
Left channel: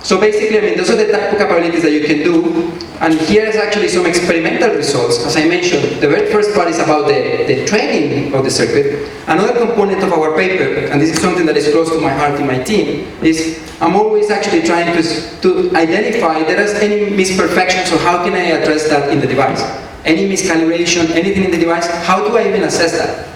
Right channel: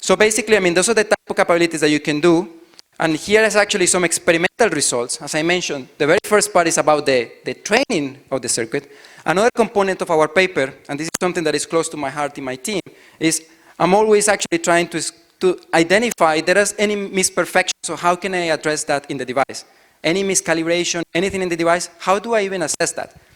So basically, those are the type of capabilities that you can do. And here is actually some experimental results. As I mentioned, the very first part is about the training of the circuit. Another component of our paper, and this is something that is close to my heart in my team, is I'm always actually trying to identify if there is any misperfections, or how can I address that in the device. Any miscalibration, anything in the device, how do I even assess that?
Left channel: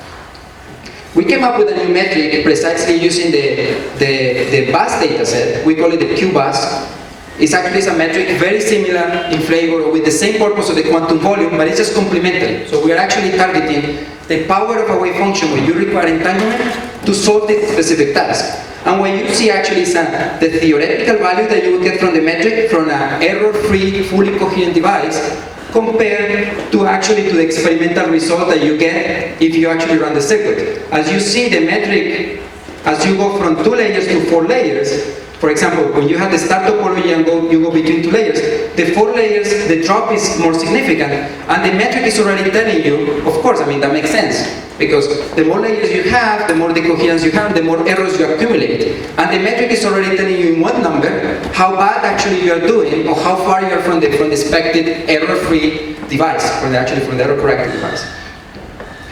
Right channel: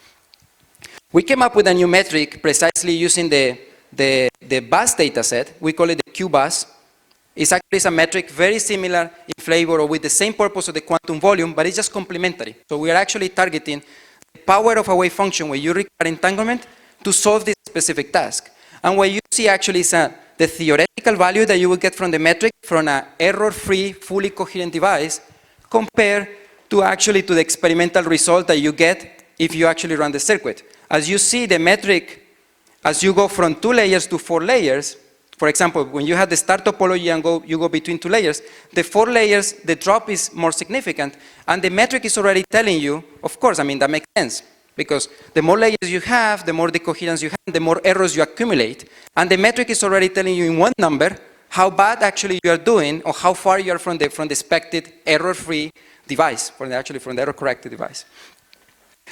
We came up with a new metric precisely using the bus data set. We call it the Q-bus. It's actually a metric very similar in flavor, or with the same purpose of the quantum volume, but it's just complementary. So we're actually targeting the power of a wave function where you require entanglement to solve this specific task. And what you see actually is the theoretical value that you would get from the metric from an error-free, fully coherent device, compared to the experimental result that you get if you actually run the circuit. As you see the metric, as you go from 2 layers to 4 layers, for example, when you have the star topology and you go between 2 layers, the 4 layers, the drop is more significant, and the metric is already telling you, of course, that makes sense, because the more layers you have, the more decoherence you have, the more errors you accumulate. And the metric is already telling you in one number how bad actually you are doing, or how far you are from the expected error-free device, from the error-corrected device.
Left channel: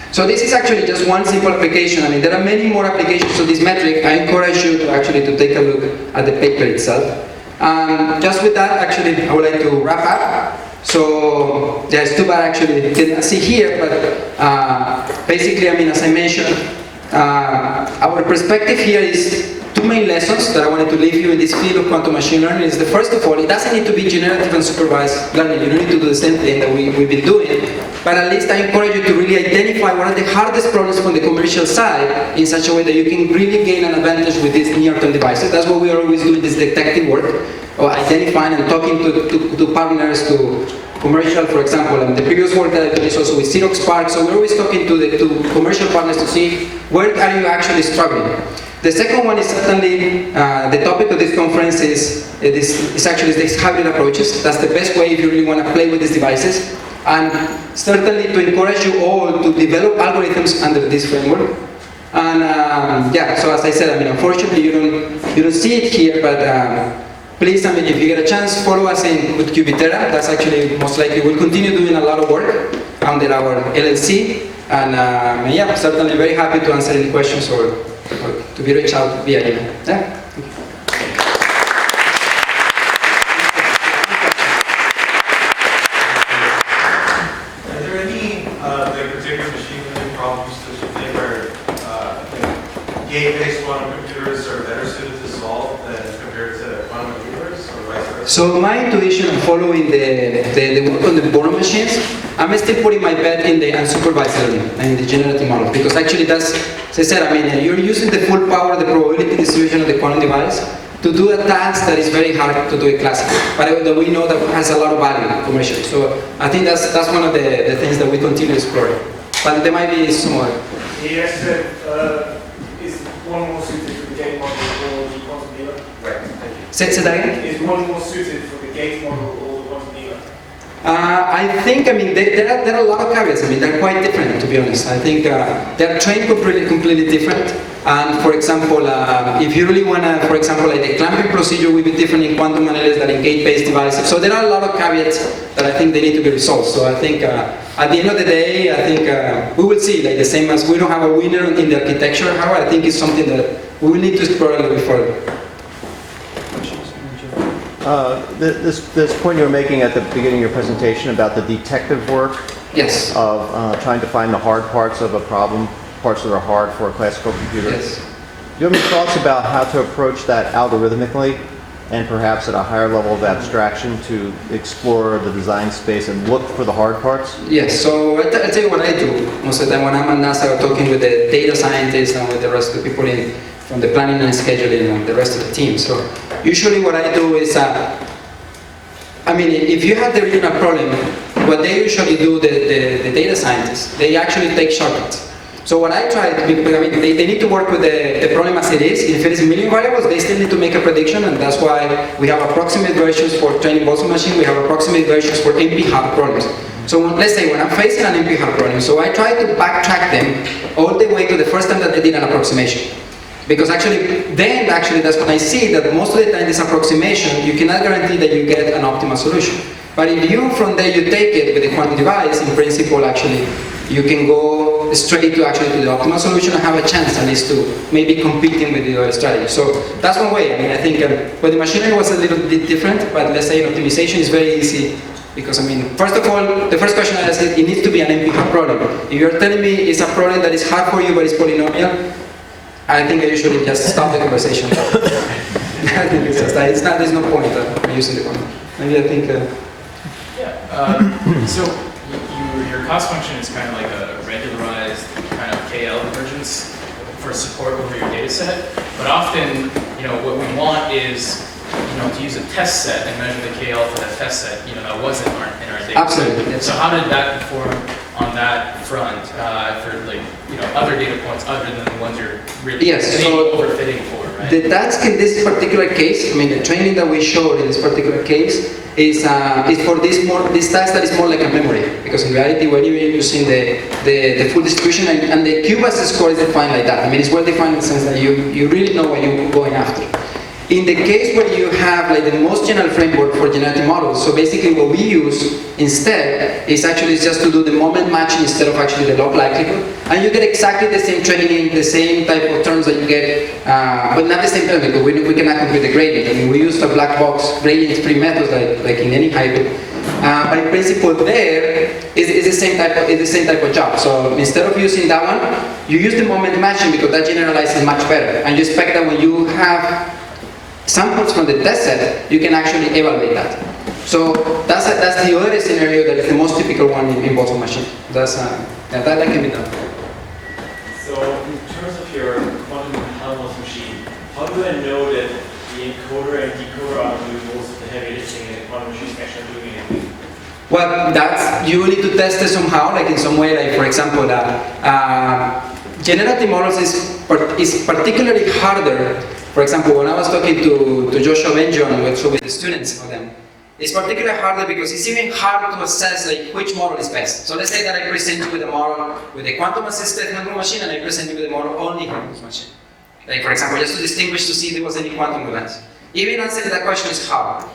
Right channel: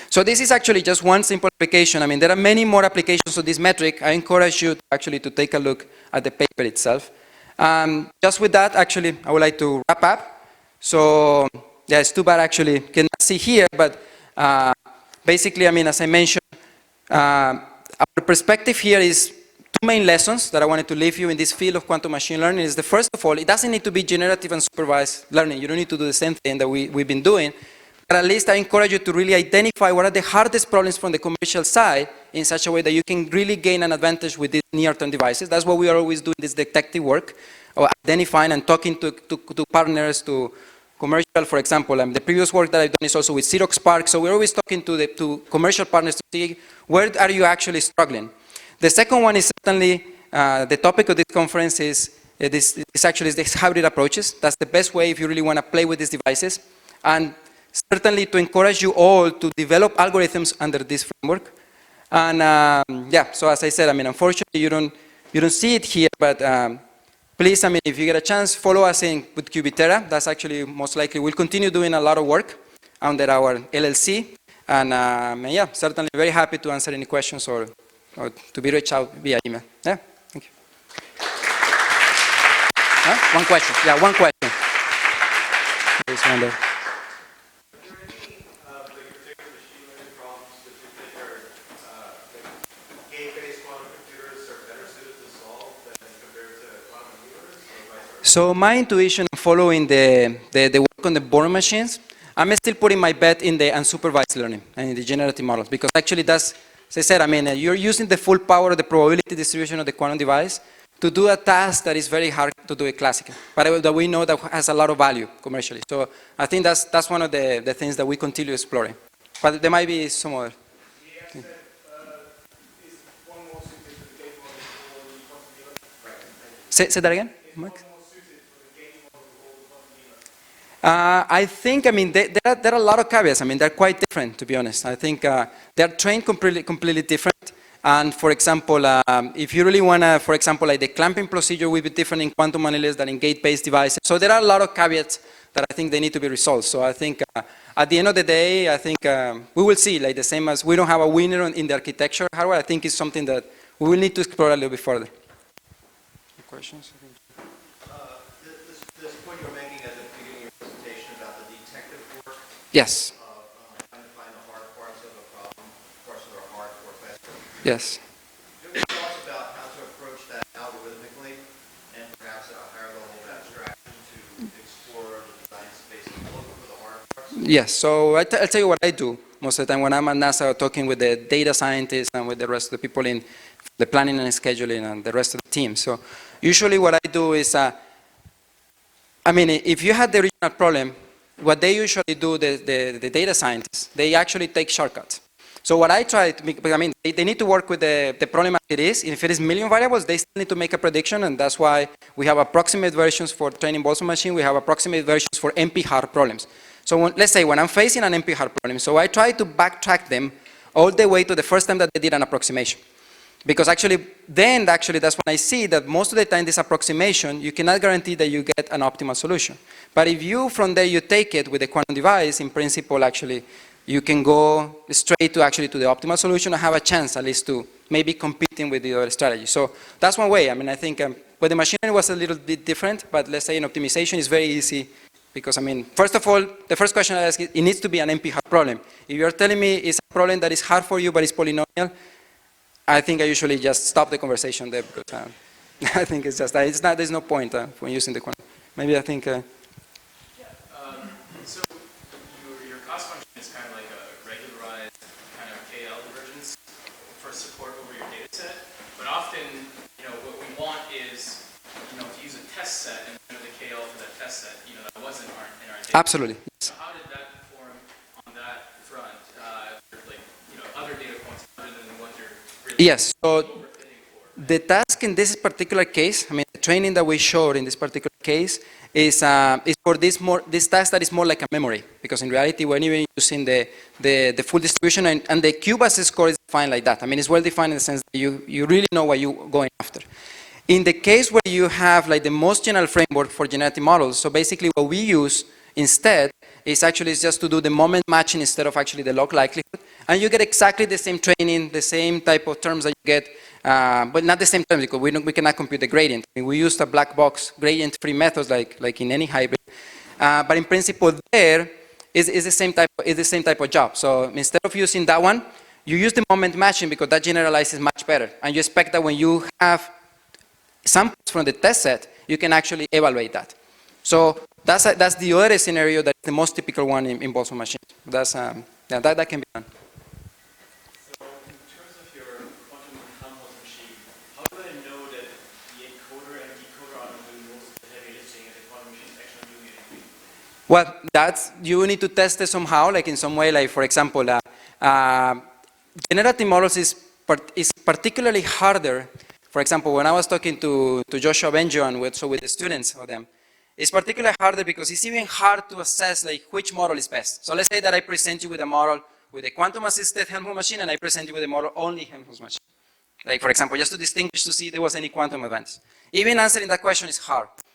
So this is actually just one simple application. There are many more applications of this metric. I encourage you to take a look at the paper itself. Just with that, I would like to wrap up. So, yeah, it's too bad you cannot see here, but basically, as I mentioned, our perspective here is 2 main lessons that I wanted to leave you in this field of quantum machine learning. Is the first of all, it doesn't need to be generative and supervised learning. You don't need to do the same thing that we've been doing. but at least I encourage you to really identify what are the hardest problems from the commercial side in such a way that you can really gain an advantage with these near-term devices. That's what we are always doing, this detective work, or identifying and talking to partners, to commercial, for example, and the previous work that I did is also with Xerox PARC, so we're always talking to commercial partners to see where are you actually struggling. The second one is certainly, the topic of this conference is actually these hybrid approaches. That's the best way if you really want to play with these devices. And certainly to encourage you all to develop algorithms under this framework. And yeah, so as I said, I mean, unfortunately you don't see it here, but please, I mean, if you get a chance, follow us with Cubiterra. That's actually most likely we'll continue doing a lot of work under our LLC. And yeah, certainly very happy to answer any questions or to be reached out via email. Yeah? Thank you. One question. Yeah, one question. Are there any particular machine learning problems that you think are gate-based quantum computers are better suited to solve than compared to quantum computers, or vice versa? So my intuition following the work on the Born machines, I'm still putting my bet in the unsupervised learning and in the generative model, because actually that's, as I said, I mean, you're using the full power of the probability distribution of the quantum device to do a task that is very hard to do it classically, but that we know that has a lot of value commercially. So I think that's one of the things that we continue exploring. But there might be some more. Yes, is one more suited for the gate model or the quantum dealer? Right, thank you. Say that again? Is one more suited for the gate model or the quantum dealer? I think, I mean, there are a lot of caveats. I mean, they're quite different, to be honest. I think they're trained completely different. And for example, if you really want to, for example, like the clamping procedure will be different in quantum analysis than in gate-based devices. So there are a lot of caveats that I think they need to be resolved. So I think at the end of the day, I think we will see, like the same as we don't have a winner in the architecture. However, I think it's something that we will need to explore a little bit further. This point you were making at the beginning of your presentation about the detective work, Yes. of trying to find the hard parts of a problem, parts that are hard for a classical computer. Yes. Do you have any thoughts about how to approach that algorithmically and perhaps at a higher level of abstraction to explore the design space and look for the hard parts? Yes, so I tell you what I do most of the time when I'm at NASA talking with the data scientists and with the rest of the people from the planning and scheduling and the rest of the team. So usually what I do is, I mean, if you had the original problem, what they usually do, the data scientists, they actually take shortcuts. So what I try, I mean, they need to work with the problem as it is. If it is a million variables, they still need to make a prediction, and that's why we have approximate versions for training Boston machine, we have approximate versions for NP-hard problems. So let's say when I'm facing an NP-hard problem, so I try to backtrack them all the way to the first time that they did an approximation. Because actually that's when I see that most of the time this approximation, you cannot guarantee that you get an optimal solution. But if you, from there, you take it with a quantum device, in principle, actually, you can go straight to the optimal solution and have a chance, at least, to maybe competing with the other strategy. So that's one way. I mean, I think, but the machine learning was a little bit different, but let's say optimization is very easy. Because, I mean, first of all, the first question I ask is, it needs to be an NP-hard problem. If you're telling me it's a problem that is hard for you, but it's polynomial, I think I usually just stop the conversation. I think it's just, there's no point using the point. Maybe I think... So your cost function is kind of like a regularized kind of KL convergence for support over your data set. But often, what we want is, to use a test set and measure the KL for that test set. That wasn't in our data Absolutely. set. So how did that inform on that front for other data points other than the ones you're really overfitting for, right? The task in this particular case, I mean, the training that we showed in this particular case is for this task that is more like a memory. Because in reality, when you're using the full distribution and the QBAS score is defined like that. I mean, it's well defined in the sense that you really know what you're going after. In the case where you have like the most general framework for genetic models, so basically what we use instead is actually just to do the moment matching instead of actually the log likelihood, and you get exactly the same training, the same type of terms that you get, but not the same terms because we cannot compute the gradient. I mean, we use the black box gradient-free methods like in any hybrid. But in principle, there is the same type of job. So instead of using that one, you use the moment matching because that generalizes much better, and you expect that when you have samples from the test set, you can actually evaluate that. So that's the other scenario that is the most typical one in Boston machine. That can be done. So in terms of your quantum Helmholtz machine, how do I know that the encoder and decoder are doing most of the heavy lifting and the quantum machine is actually doing anything? Well, you need to test it somehow, like in some way, like for example, generative models is particularly harder. For example, when I was talking to Joshua Benjamin with the students for them, it's particularly harder because it's even hard to assess like which model is best. So let's say that I present you with a model with a quantum-assisted Helmholtz machine, and I present you with a model only Helmholtz machine. Like for example, just to distinguish to see if there was any quantum events. Even answering that question is hard.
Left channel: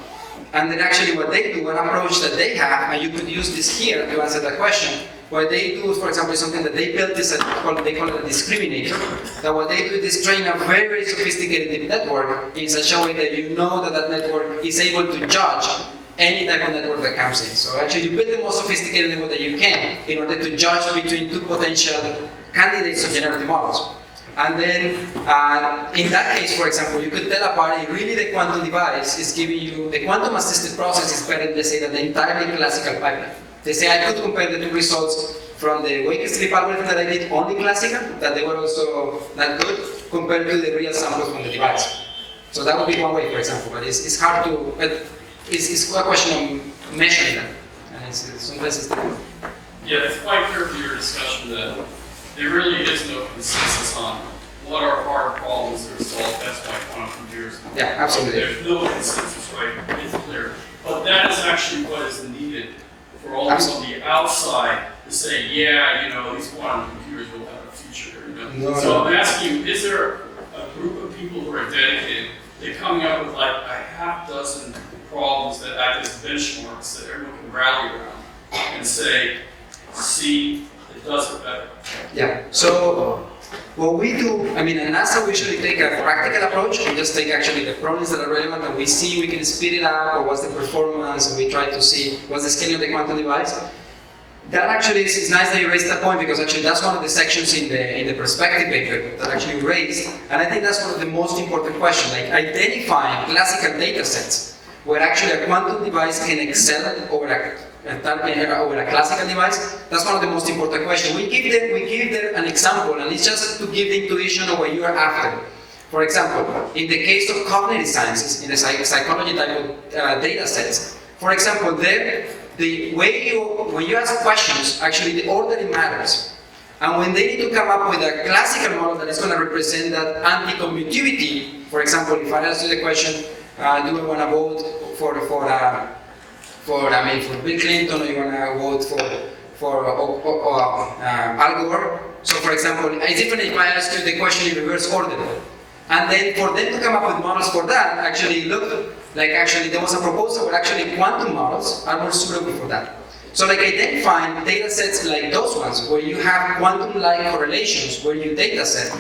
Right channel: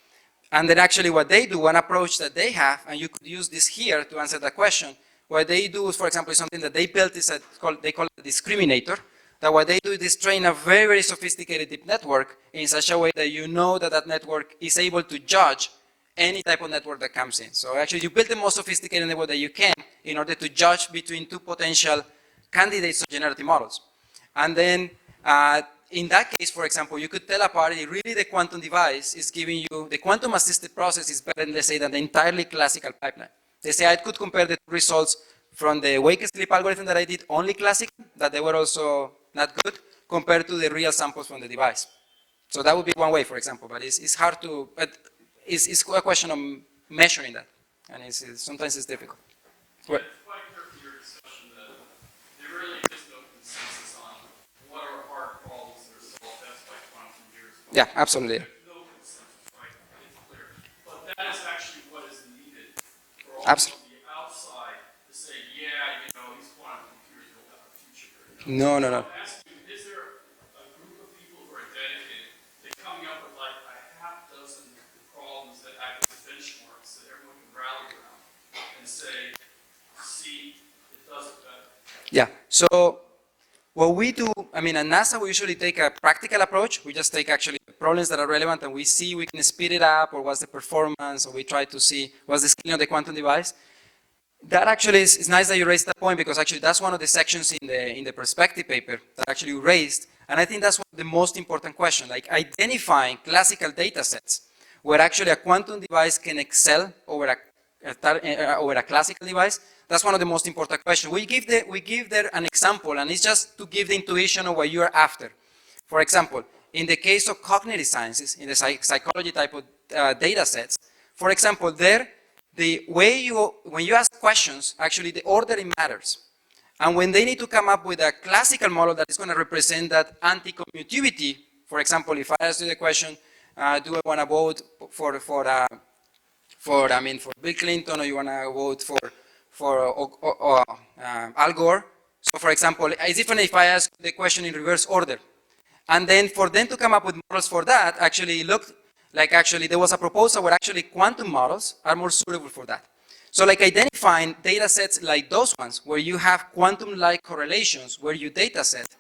And then actually what they do, one approach that they have, and you could use this here to answer that question, what they do, for example, is something that they built, they call it a discriminator. Now what they do is train a very, very sophisticated network in such a way that you know that that network is able to judge any type of network that comes in. So actually you build the most sophisticated network that you can in order to judge between two potential candidates of generative models. And then, in that case, for example, you could tell a party, really the quantum device is giving you, the quantum-assisted process is better, let's say, than the entirely classical pipeline. They say I could compare the two results from the wake sleep algorithm that I did only classical, that they were also not good, compared to the real samples from the device. So that would be one way, for example, but it's hard to, but it's a question of measuring that, and sometimes it's difficult. Yeah, it's quite clear from your discussion that there really is no consensus on what are hard problems that are solved. That's why quantum computers. Yeah, absolutely. There's no consensus, right? It's clear. But that is actually what is needed for all those on the outside to say, yeah, these quantum computers will have a future. So I'm asking you, is there a group of people who are dedicated, they're coming up with like a half dozen problems that act as benchmarks that everyone can rally around and say, see, it does it better. Yeah, so what we do, at NASA we usually take a practical approach. We just take actually the problems that are relevant and we see we can speed it up or what's the performance, and we try to see what's the scaling of the quantum device. That actually is nice that you raised that point because actually that's one of the sections in the perspective paper that actually you raised, and I think that's one of the most important questions, like identifying classical data sets where actually a quantum device can excel over a classical device. That's one of the most important questions. We give them an example, and it's just to give the intuition of what you are after. For example, in the case of cognitive sciences, in the psychology type of data sets, for example, there, the way when you ask questions, actually the ordering matters. And when they need to come up with a classical model that is going to represent that anti-commutivity, for example, if I ask you the question, do I want to vote for Bill Clinton, or you want to vote for Al Gore? So for example, it's different if I ask you the question in reverse order. And then for them to come up with models for that, actually look like there was a proposal where actually quantum models are more suitable for that. So like identifying data sets like those ones, where you have quantum-like correlations, where your data set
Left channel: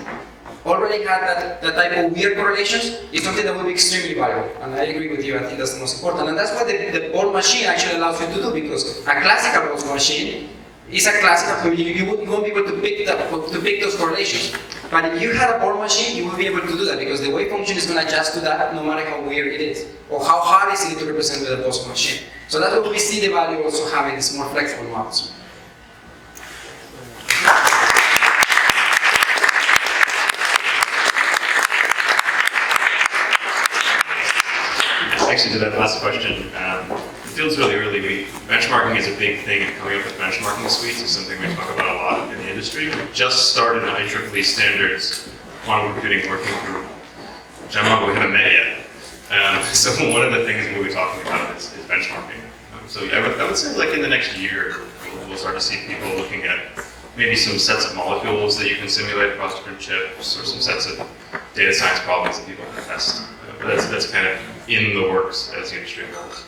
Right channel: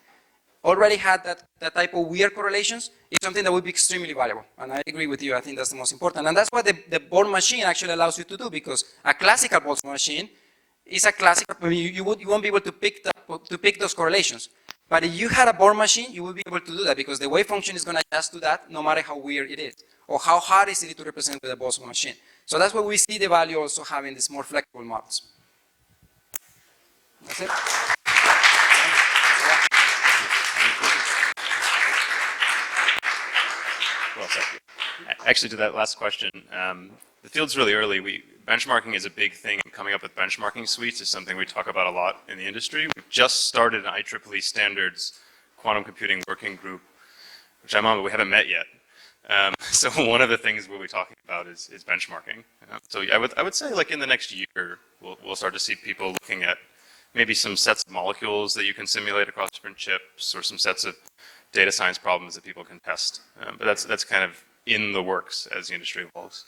already had that type of weird correlations, is something that would be extremely valuable. And I agree with you, I think that's the most important. And that's what the Born machine actually allows you to do, because a classical Born machine is a classical, you won't be able to pick those correlations. But if you had a Born machine, you will be able to do that, because the wave function is going to adjust to that no matter how weird it is, or how hard is it to represent with a Born machine. So that's what we see the value also having these more flexible models. Actually, to that last question, the field's really early. Benchmarking is a big thing, and coming up with benchmarking suites is something we talk about a lot in the industry. We just started an IEEE standards quantum computing working group, which we haven't met yet. So one of the things we'll be talking about is benchmarking. So I would say like in the next year, we'll start to see people looking at maybe some sets of molecules that you can simulate across different chips, or some sets of data science problems that people can test. But that's kind of in the works as the industry goes.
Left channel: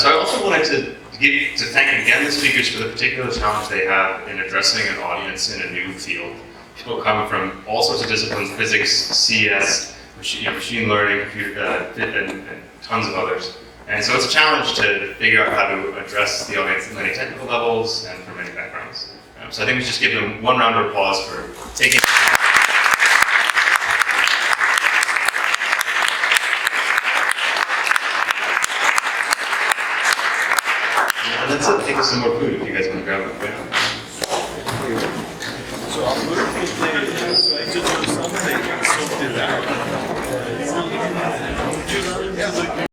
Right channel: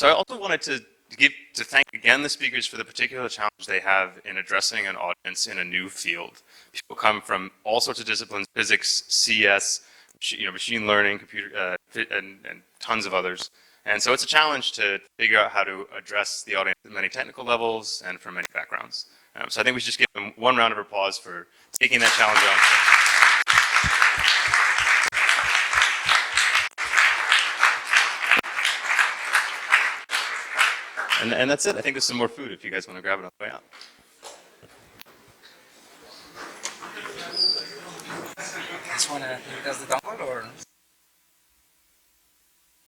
So I also wanted to thank again the speakers for the particular challenge they have in addressing an audience in a new field. People come from all sorts of disciplines: physics, CS, machine learning, computer, and tons of others. And so it's a challenge to figure out how to address the audience at many technical levels and from many backgrounds. So I think we should just give them one round of applause for taking that challenge on. And that's it. I think there's some more food if you guys want to grab it. So our beautiful thing is to do something, so do that.